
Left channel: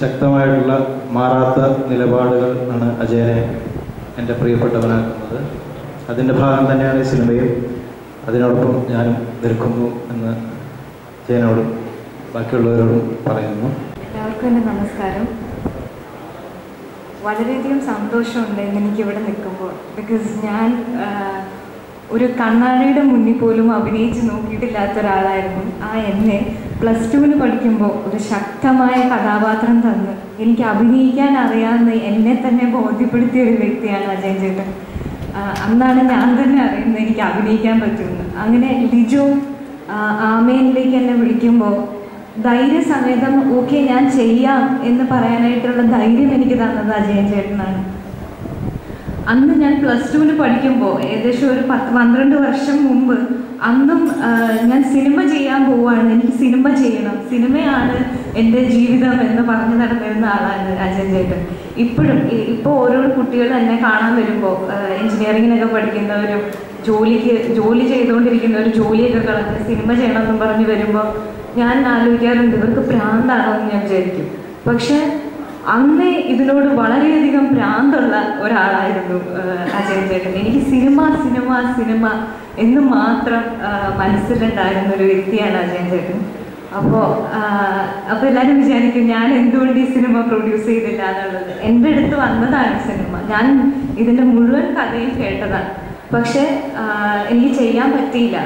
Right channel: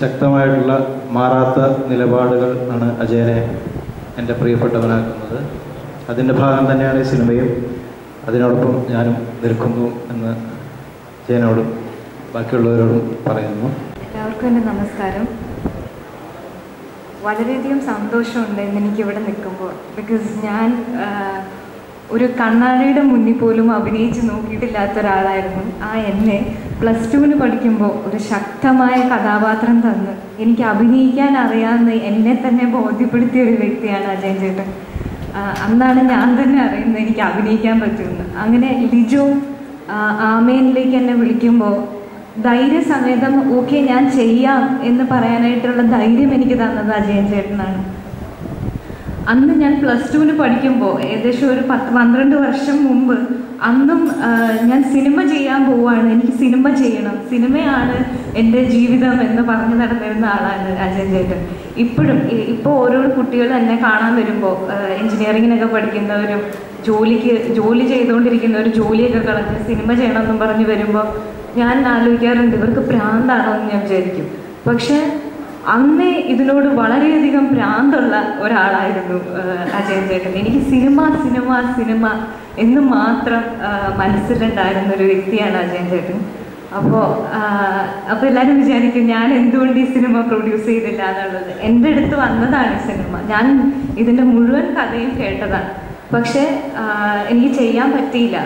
ശക്തമായിട്ടുള്ള മാറാത്ത നിലപാടുകൾ ആണ് അജയനെ എൻ്റെ പ്രിയപ്പെട്ടവനാക്കുന്നത്. അതിൻ്റെ ഭാഗം തന്നെയാണ് ഈ സിനിമയും. അതിനോടൊപ്പം ഞാനും നിൽക്കുന്നു എന്ന് അജയനോടും ബാക്കിയുള്ളവരോടും പറയുന്നു. എല്ലാവർക്കും എൻ്റെ നമസ്കാരം. വളരെയധികം സന്തോഷമുണ്ട് എനിക്കിവിടെ നിൽക്കുമ്പോൾ. ബിക്കോസ് ഞാൻ ഒരു കണ്ണാടിയുടെ മുന്നിൽ പോലും അഭിനയിച്ച് നോക്കിയിട്ടില്ലാത്ത ഒരാളായിരുന്നു. എന്നെ +2 പഠിക്കുമ്പോൾ ഒരു ശക്തമായ കഥാപാത്രം തന്ന് എനിക്ക് അഭിനയിക്കാൻ അറിയാമെന്ന് എന്നെ തന്നെ ബോധ്യപ്പെടുത്തിയ ഒരു വ്യക്തിയാണ് അജയൻ ചേട്ടൻ. അന്നാണ് ഞാൻ തന്നെ അറിയുന്നത് എനിക്ക് അഭിനയിക്കാൻ പറ്റുമെന്ന്. അങ്ങനെ ലിജോ ആമേനിലേക്ക് എന്നെ വിളിക്കുമ്പോൾ ധൈര്യസമേതം ഓക്കെ ഞാൻ ചെയ്യാം എന്ന് പറയാനായിട്ടുള്ള ധൈര്യം എനിക്ക് തന്നത് അജയൻ ചേട്ടനാണ്. അന്ന് ഞാൻ +2 പഠിക്കുമ്പോൾ ഏകദേശം ഒരു 10-12 വർഷം മുമ്പ് അന്നും ഞാൻ സിനിമ ചെയ്യാൻ പോവുകയാണ്, എനിക്ക് സിനിമ ചെയ്യണം, സിനിമയാണ് എൻ്റെ ജീവിതം എന്ന് പറഞ്ഞു നടന്നിരുന്ന ആളാണ് അജയൻ ചേട്ടൻ. ഇപ്പോൾ ഓരോ കുട്ടികൾ എന്നെ കാണാൻ വരുമ്പോൾ എൻജിനീയറിങ്ങിനൊക്കെ പഠിക്കുന്നവരും ജോലി ചെയ്തുകൊണ്ടിരിക്കുന്നവർ ജോലിയൊക്കെ കളഞ്ഞ് സിനിമ ചെയ്യണമെന്നും പറഞ്ഞ് വരുമ്പോൾ ഞാൻ ആലോചിക്കാറുണ്ട് ഇവർക്ക് ഭ്രാന്താണോ എന്ന് ഞാൻ വിചാരിക്കും. പക്ഷെ അന്നേ ഇതിനോട് വളരെയധികം ഭ്രാന്തുള്ള ഒരാളായിരുന്നു അജയൻ ചേട്ടൻ. എനിക്ക് സിനിമ എന്ന് മാത്രം മനസ്സിലുണ്ടായിരുന്ന ഒരു വ്യക്തിയാണ് അജയൻ ചേട്ടൻ. അപ്പോൾ എല്ലാവരും വിചാരിക്കും ഞാൻ എന്തുകൊണ്ട് ഈ സിനിമ പ്രൊഡ്യൂസ് ചെയ്തില്ല എന്നുള്ളത്. എൻ്റെ അടുത്ത് വന്നതാണ് സിനിമ, ഞാൻ ഇതിൻ്റെ മുഴുവൻ കഥയും കേട്ടതാണ്. പക്ഷെ എനിക്ക് ചെയ്യാൻ പറ്റിയില്ല.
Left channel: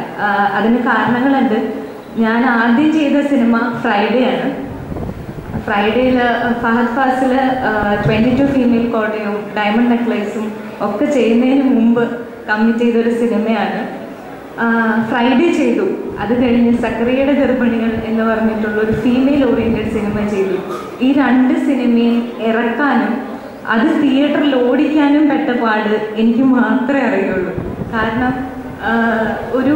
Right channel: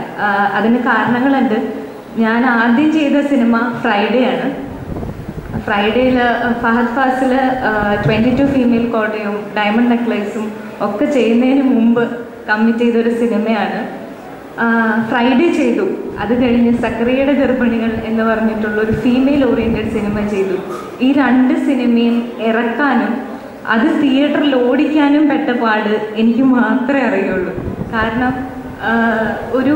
അതിന് കാരണങ്ങളുണ്ട്. ഞാൻ ആദ്യം ചെയ്ത സിനിമ ഫ്രൈഡേ ആണ്. ഫ്രൈഡേയിൽ ഫഹദ് ഫാസിൽ 22 ഫീമെയിൽ കോട്ടയും ഡയമണ്ട് നെക്ലേസും ഒക്കെ ചെയ്യുന്നതിന് മുമ്പ് കമ്മിറ്റ് ചെയ്തൊരു സിനിമയാണ്. ഫ്രൈഡേ ചെയ്തു. അത് കഴിഞ്ഞ് സക്കറിയയുടെ ഗർഭിണികൾ എന്ന് പറഞ്ഞിട്ടുള്ള ഒരു ഫീമെയിൽ ഓറിയൻറ്റഡ് സിനിമ ചെയ്തു. ഈ 2 സിനിമയും ഇറക്കാനും അത് തിയേറ്ററിൽ ഓടിക്കാനും പെട്ട പാട് എനിക്ക് മാത്രമേ അറിയുള്ളൂ. കാരണം ഒരു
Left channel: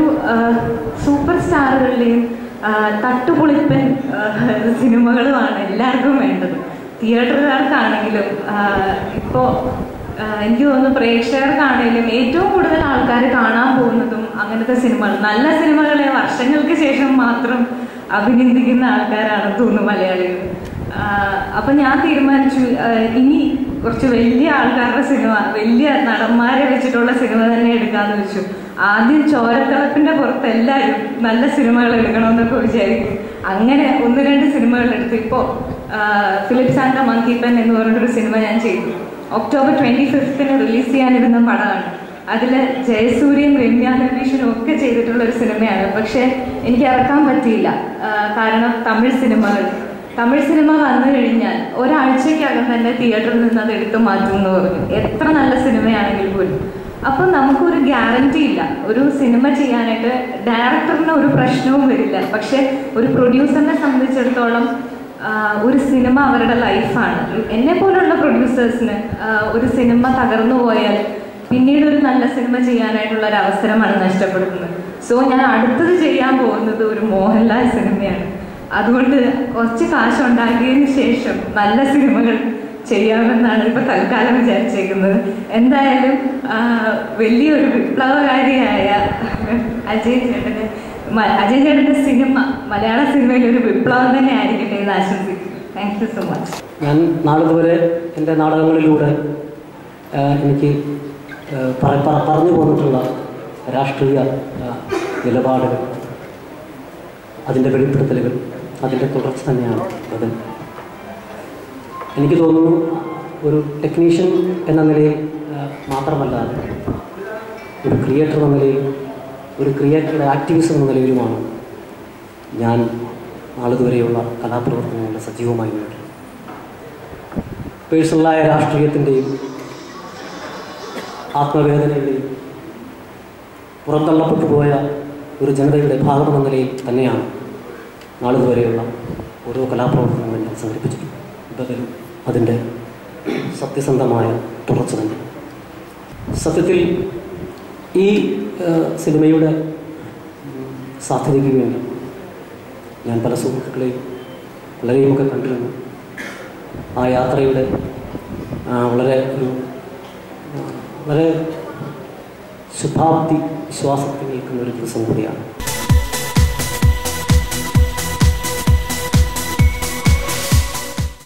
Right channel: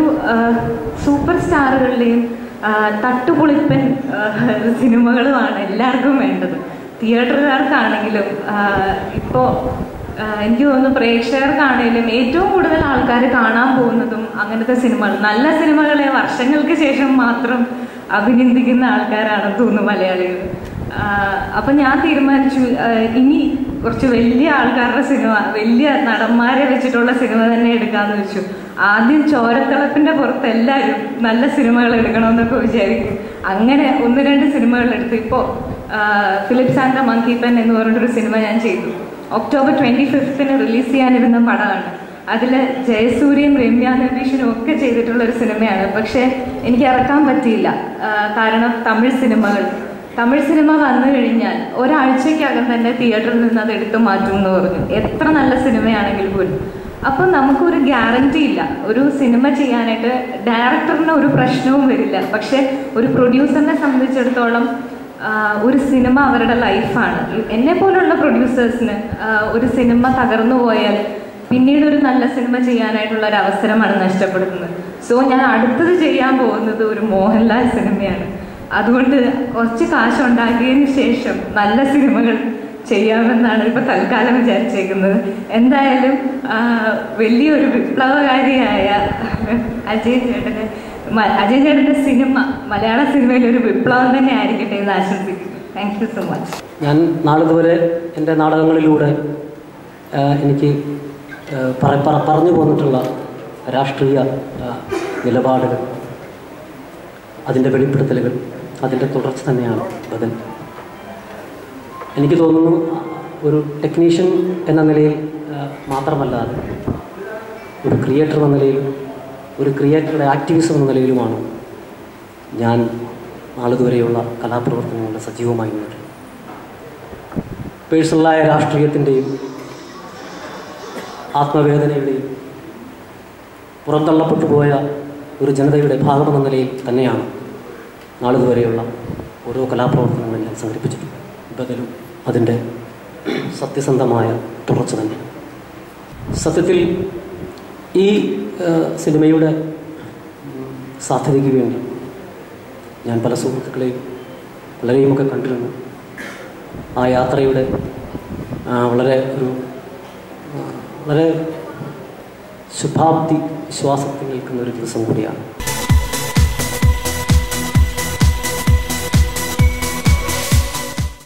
സൂപ്പർ സ്റ്റാറുകളുടെയും തട്ടുപൊളിപ്പൻ സിനിമകളുമാണ് എല്ലാവർക്കും വേണ്ടത്. തിയേറ്ററുകാർക്കാണെങ്കിലും ഇപ്പോൾ എനിക്ക് തോന്നുന്നു പ്രേക്ഷകർക്കാണെങ്കിലും ഏറ്റവും കൂടുതൽ ആൾക്കാർ കാണാൻ പോകുന്നതും അങ്ങനത്തെ സിനിമകൾ, നല്ല സിനിമകളെ വർഷങ്ങൾക്ക് ശേഷം മാത്രം അഭിനന്ദിക്കുന്ന ആൾക്കാരാണെന്ന് തോന്നുന്നു മലയാളികൾ. അപ്പം ഞാൻ തീരുമാനിച്ചു ഇനി കുറച്ച് വലിയ ആൾക്കാരുടെ സിനിമ, വലിയ നടന്മാരെ വെച്ചിട്ടുള്ള സിനിമ തന്നെ എടുക്കാമെന്ന് വെച്ചു. ആദ്യം ചോരത്തിളപ്പിൻ്റെ പുറത്ത് എല്ലാവരും നല്ല സിനിമകൾ എടുക്കണമെന്നൊക്കെ വിചാരിക്കും. അങ്ങനെ 1-2 സിനിമകൾ എടുത്തു. ഇപ്പോൾ Philips and the monkey pen എന്ന് പറഞ്ഞിട്ടൊരു സിനിമ ഞാൻ ചെയ്തു. ഒക്ടോബർ 25 റിലീസ് ചെയ്യാനിരുന്ന പടമാണ്. അതിൽ ജയസൂര്യയും രമ്യ നമ്പീഷനും ഒക്കെ ചെയ്തിട്ടുള്ളൊരു സിനിമയാണ്. പക്ഷേ എനിക്ക് ഇറക്കാൻ പറ്റിയില്ല. കാരണം തമിഴ് സിനിമ വന്നു കഴിഞ്ഞാൽ ഒരാഴ്ചക്കകം തന്നെ തിയേറ്ററിൽ നിന്ന് അത് എടുത്തു മാറ്റും എന്ന് പറഞ്ഞു, എത്ര നല്ല സിനിമയാണെങ്കിൽ പോലും. അപ്പം നമുക്കൊരു ഗ്യാരണ്ടി ഇല്ല. ഒരു സിനിമ ചെയ്യാനായിട്ട് ഡയറക്ടറിന് ഒരു പ്രശ്നവും വരില്ല. പക്ഷെ ഒരു പ്രൊഡ്യൂസറിനെ സംബന്ധിച്ചിടത്തോളം ഒരു സിനിമ അവരുടെ ലൈഫാണ്. എന്നെ പോലുള്ള പ്രൊഡ്യൂസേഴ്സിന് ഒരു സിനിമ തകർന്നു പോയാൽ പിന്നീട് ഒരു നല്ല സിനിമ ചെയ്യാനായിട്ടുള്ള ഒരു അവസരമാണ് നഷ്ടപ്പെടുന്നത്. സോ ഞാൻ അടുത്തത് ചെയ്യാൻ പോകുന്നത് ഒരു മോഹൻലാൽ സിനിമയാണ്. അതുകൊണ്ട് കുറച്ച് കാശുണ്ടാക്കിയതിന് ശേഷം നല്ല സിനിമകൾ ചെയ്യാമെന്നാണ് ഇപ്പോൾ തൽക്കാലം വിചാരിച്ചേക്കുന്നത്. എന്തായാലും വലിയൊരു വിപ്ലവകാരിയായ അജയൻ ചേട്ടൻ്റെ സിനിമ മലയാള സിനിമയിൽ ഒരു വിപ്ലവം തന്നെ ആയിരിക്കട്ടെ എന്ന് ആശംസിക്കുന്നു. Thank you so much. ഞാൻ നാളിതുവരെ എൻ്റെ നാടകങ്ങളിലൂടെ എനിക്ക് പറഞ്ഞു പോന്നിട്ടുള്ള രാഷ്ട്രീയ നിലപാടുകൾ, അതിൻ്റെ വെളിപ്പെടുത്തലുകൾ, അതിൻ്റെ തുടർച്ച തന്നെയാണ് ബദൽ. എനിക്ക് തോന്നുന്നു ഒരു ടെക്നീഷ്യൻ എന്ന നിലയിൽ മാത്രമല്ലാതെ ഒരു ക്രിയേറ്റർ എന്ന നിലയിൽ, ഒരു ക്രിയേറ്ററുടെ ആക്ടിവിസം എന്ന നിലയിലുമാണ് ഞാൻ നാളിതുവരെയുള്ള കലാപ്രവർത്തനങ്ങളുടെ സജീവമായി മുന്നോട്ട്. പേഴ്സണലായ രാഷ്ട്രീയത്തിൻ്റെയും ആത്മവേദനയുടെയും പുറന്തള്ളപ്പെട്ടു പോയ ഒരു ജനതയുടെ ഭാഗമെന്ന നിലയിൽ തന്നെയാണ് നാളിതുവരെയുള്ള ഓരോ കലാപ്രവർത്തനങ്ങളും ഞാൻ സംഘടിപ്പിച്ചിട്ടുണ്ട്. ബദലും അതിൻ്റെ സത്യസന്ധമായ തുടർച്ച തന്നെ. സത്യത്തിൽ ഈ സിനിമയുടെ സാധ്യതയ്ക്ക് വേണ്ടി ഞാൻ പല സുഹൃത്തുക്കളെയും വളരെയുമൊക്കെ കണ്ടിരുന്നു. ആ യാത്രയുടെ വളരെ ശുഭാപ്തി വിശ്വാസത്തിൽ നിൽക്കുന്ന ഒരു ദിവസം കൂടിയാണ്.